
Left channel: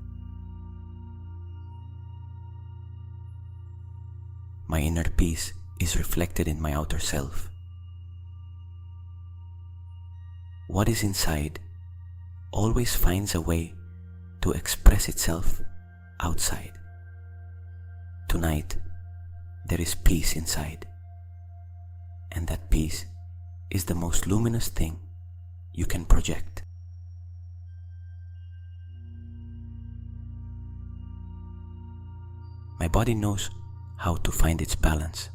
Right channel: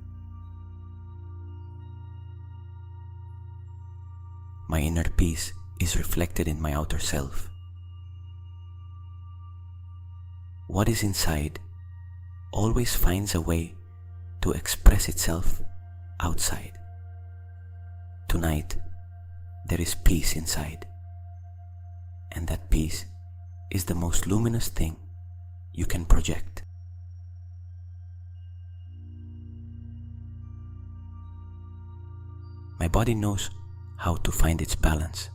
My inner peace is reflected in my outer self. What is inside always finds a way to express itself outside. Tonight, there is peace inside, and that peace is the most luminous thing you can project. My body knows how to find its balance.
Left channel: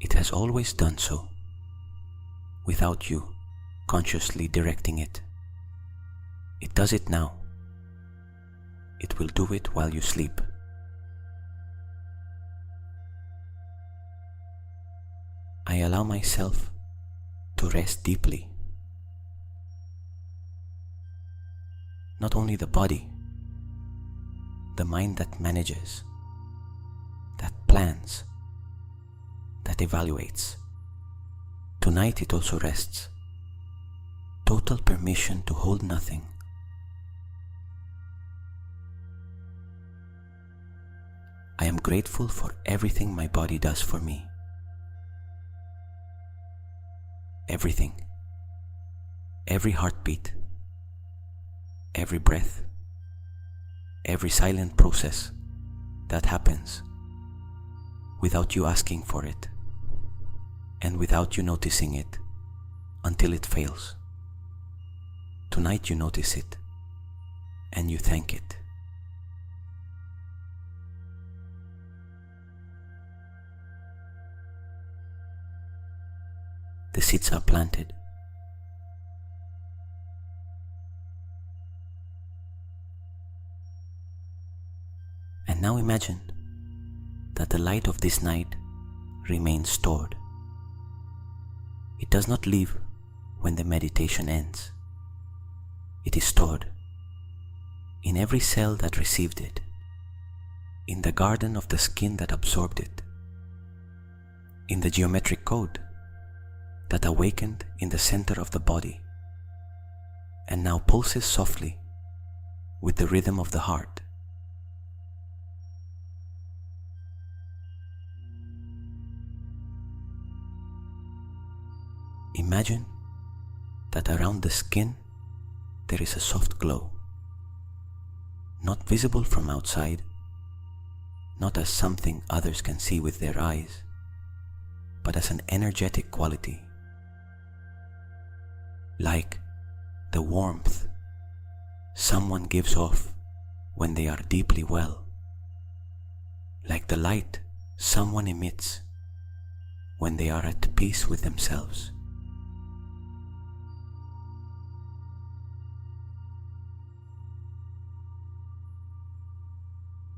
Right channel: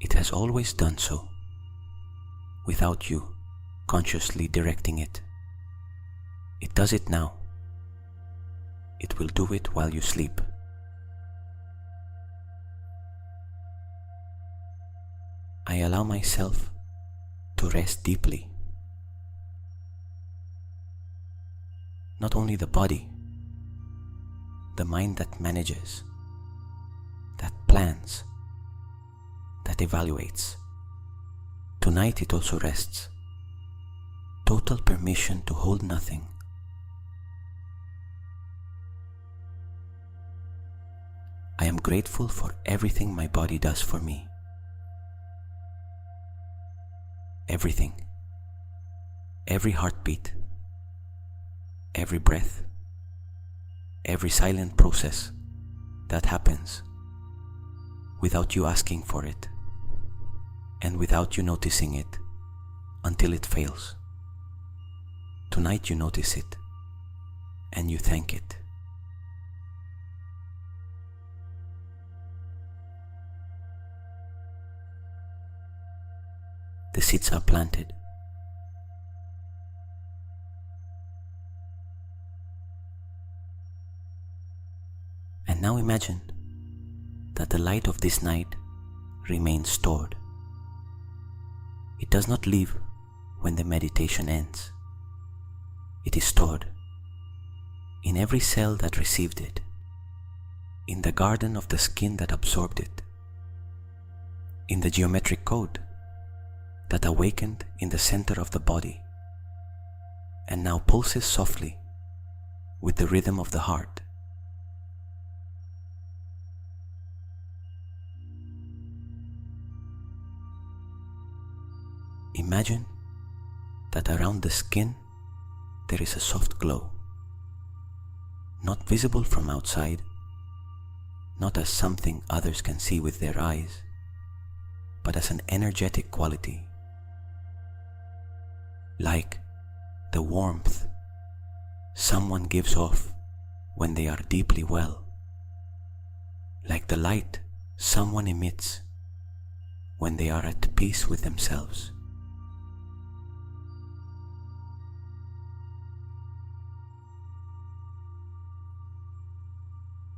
It has always done so, without you consciously directing it. It does it now. It will do it while you sleep. I allow myself to rest deeply. Not only the body, the mind that manages, that plans, that evaluates. Tonight it also rests. Total permission to hold nothing. I am grateful for everything my body does for me. Everything. Every heartbeat. Every breath. Every silent process that happens without you asking for it and without you noticing it until it fails. Tonight you notice it and you thank it. The seeds are planted. And now imagine that the light of this night remains stored. It does not leave when the meditation ends. It is stored in every cell that received it, in the garden of the skin that absorbed it, in the geometric code that awakened in the center of the body and now pulses softly with the rhythm of the heart. Imagine that around the skin there is a soft glow, not visible from outside, not as something others can see with their eyes, but as an energetic quality, like the warmth someone gives off when they are deeply well, like the light someone emits when they are at peace with themselves.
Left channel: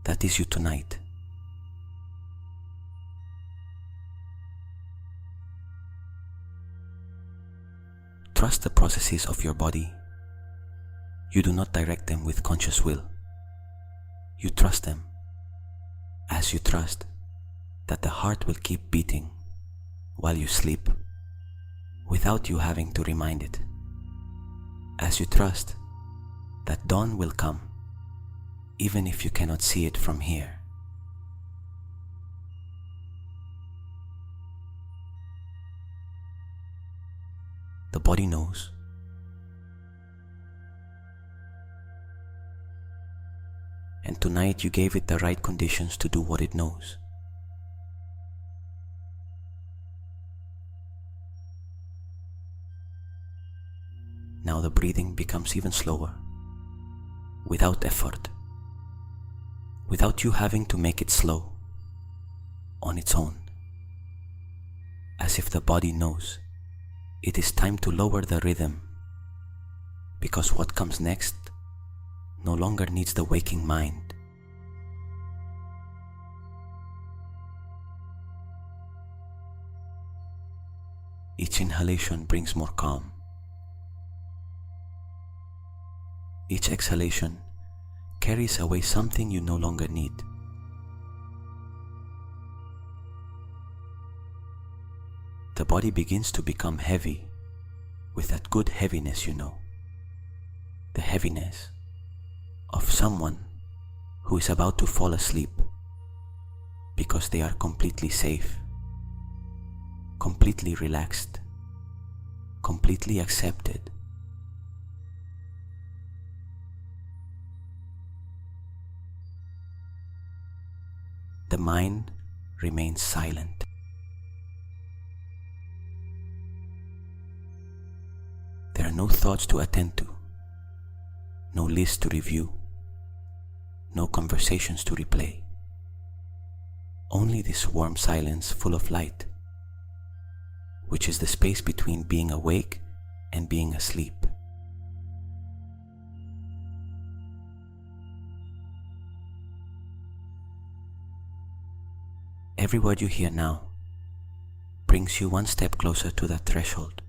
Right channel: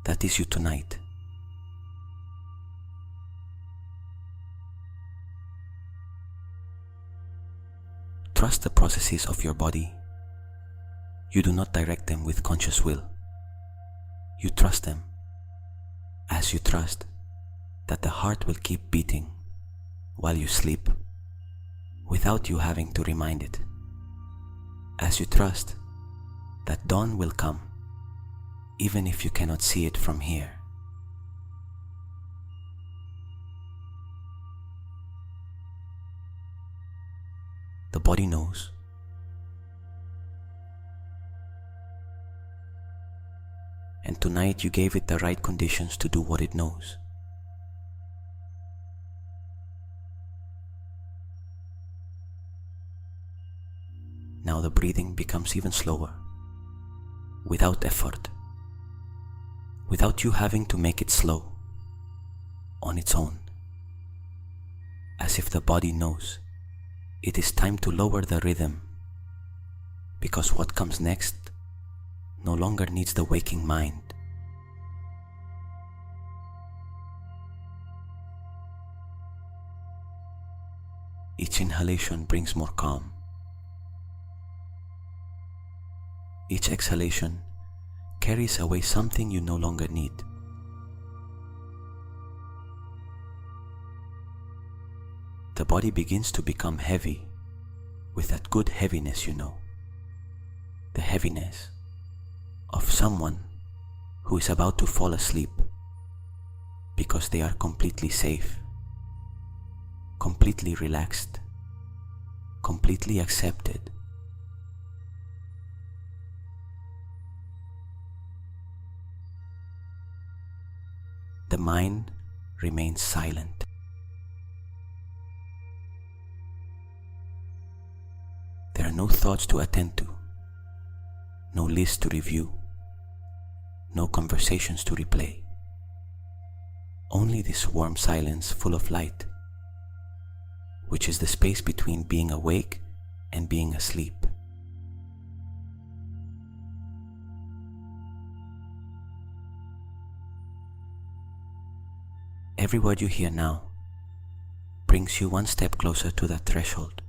That is you tonight. Trust the processes of your body. You do not direct them with conscious will. You trust them as you trust that the heart will keep beating while you sleep without you having to remind it. As you trust that dawn will come even if you cannot see it from here. The body knows. And tonight you gave it the right conditions to do what it knows. Now the breathing becomes even slower, without effort, without you having to make it slow, on its own, as if the body knows it is time to lower the rhythm, because what comes next no longer needs the waking mind. Each inhalation brings more calm. Each exhalation carries away something you no longer need. body begins to become heavy with that good heaviness, the heaviness of someone who is about to fall asleep because they are completely safe, completely relaxed, completely accepted. The mind remains silent. There are no thoughts to attend to, no list to review, no conversations to replay. Only this warm silence full of light, which is the space between being awake and being asleep. Every word you hear now brings you one step closer to that threshold.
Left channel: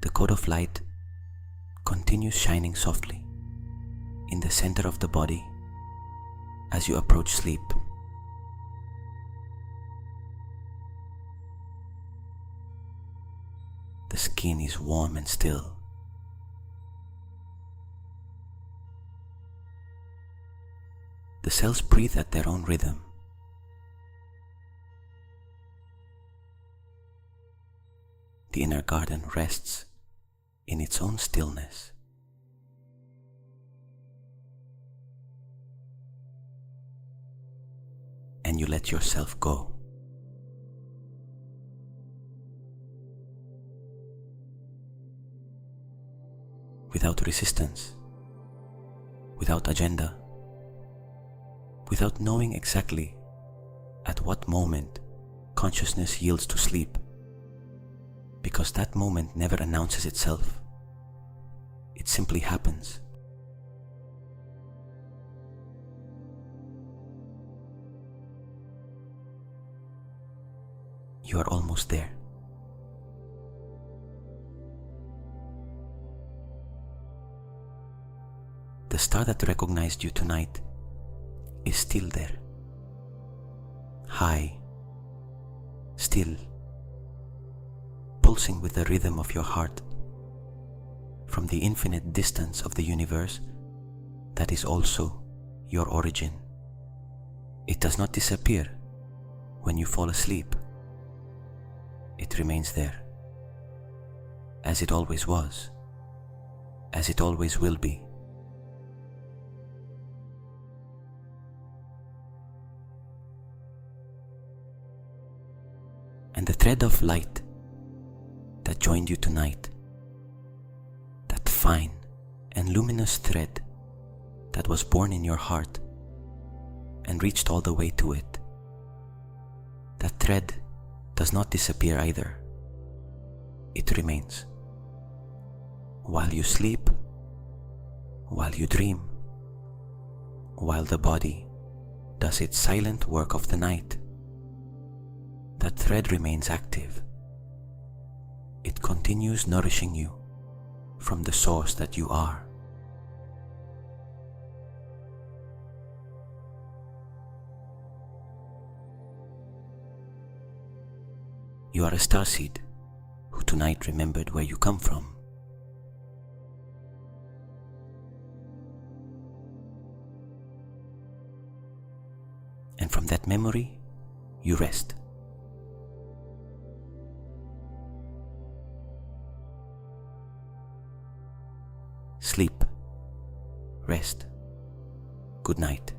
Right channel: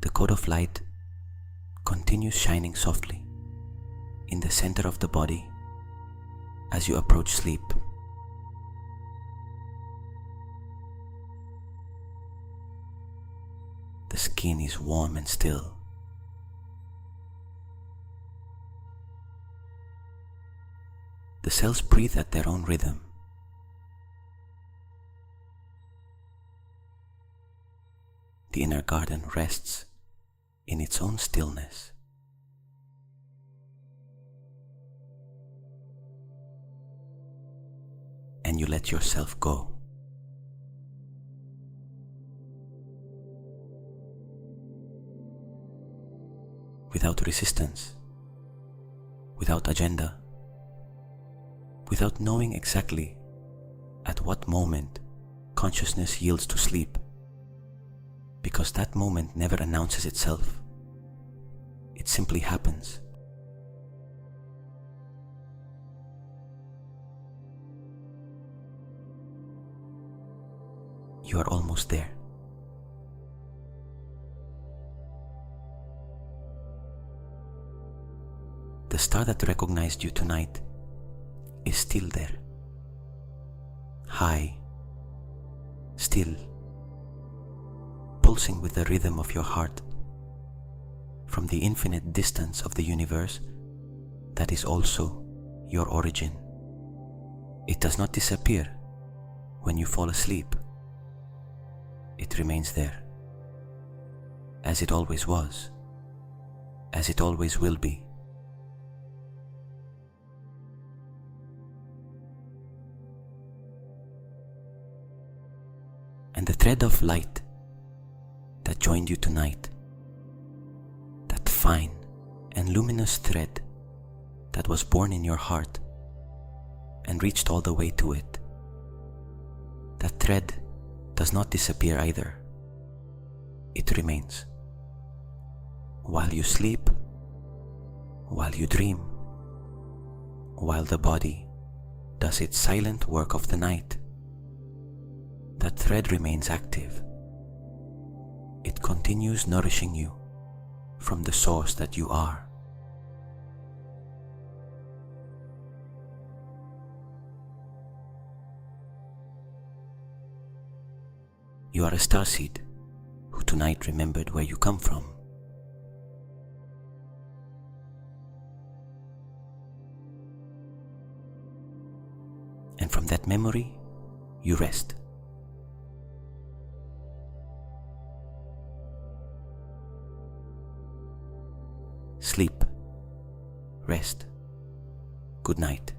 The code of light continues shining softly in the center of the body as you approach sleep. The skin is warm and still. The cells breathe at their own rhythm. The inner garden rests in its own stillness. And you let yourself go. Without resistance, without agenda, without knowing exactly at what moment consciousness yields to sleep, because that moment never announces itself. It simply happens. You are almost there. The star that recognized you tonight is still there. High, still, pulsing with the rhythm of your heart from the infinite distance of the universe that is also your origin. It does not disappear when you fall asleep. It remains there, as it always was, as it always will be. And the thread of light that joined you tonight, that fine and luminous thread that was born in your heart and reached all the way to it, that thread does not disappear either. It remains. While you sleep, while you dream, while the body does its silent work of the night, that thread remains active. It continues nourishing you from the source that you are. You are a starseed who tonight remembered where you come from. And from that memory, you rest. Sleep, rest, good night.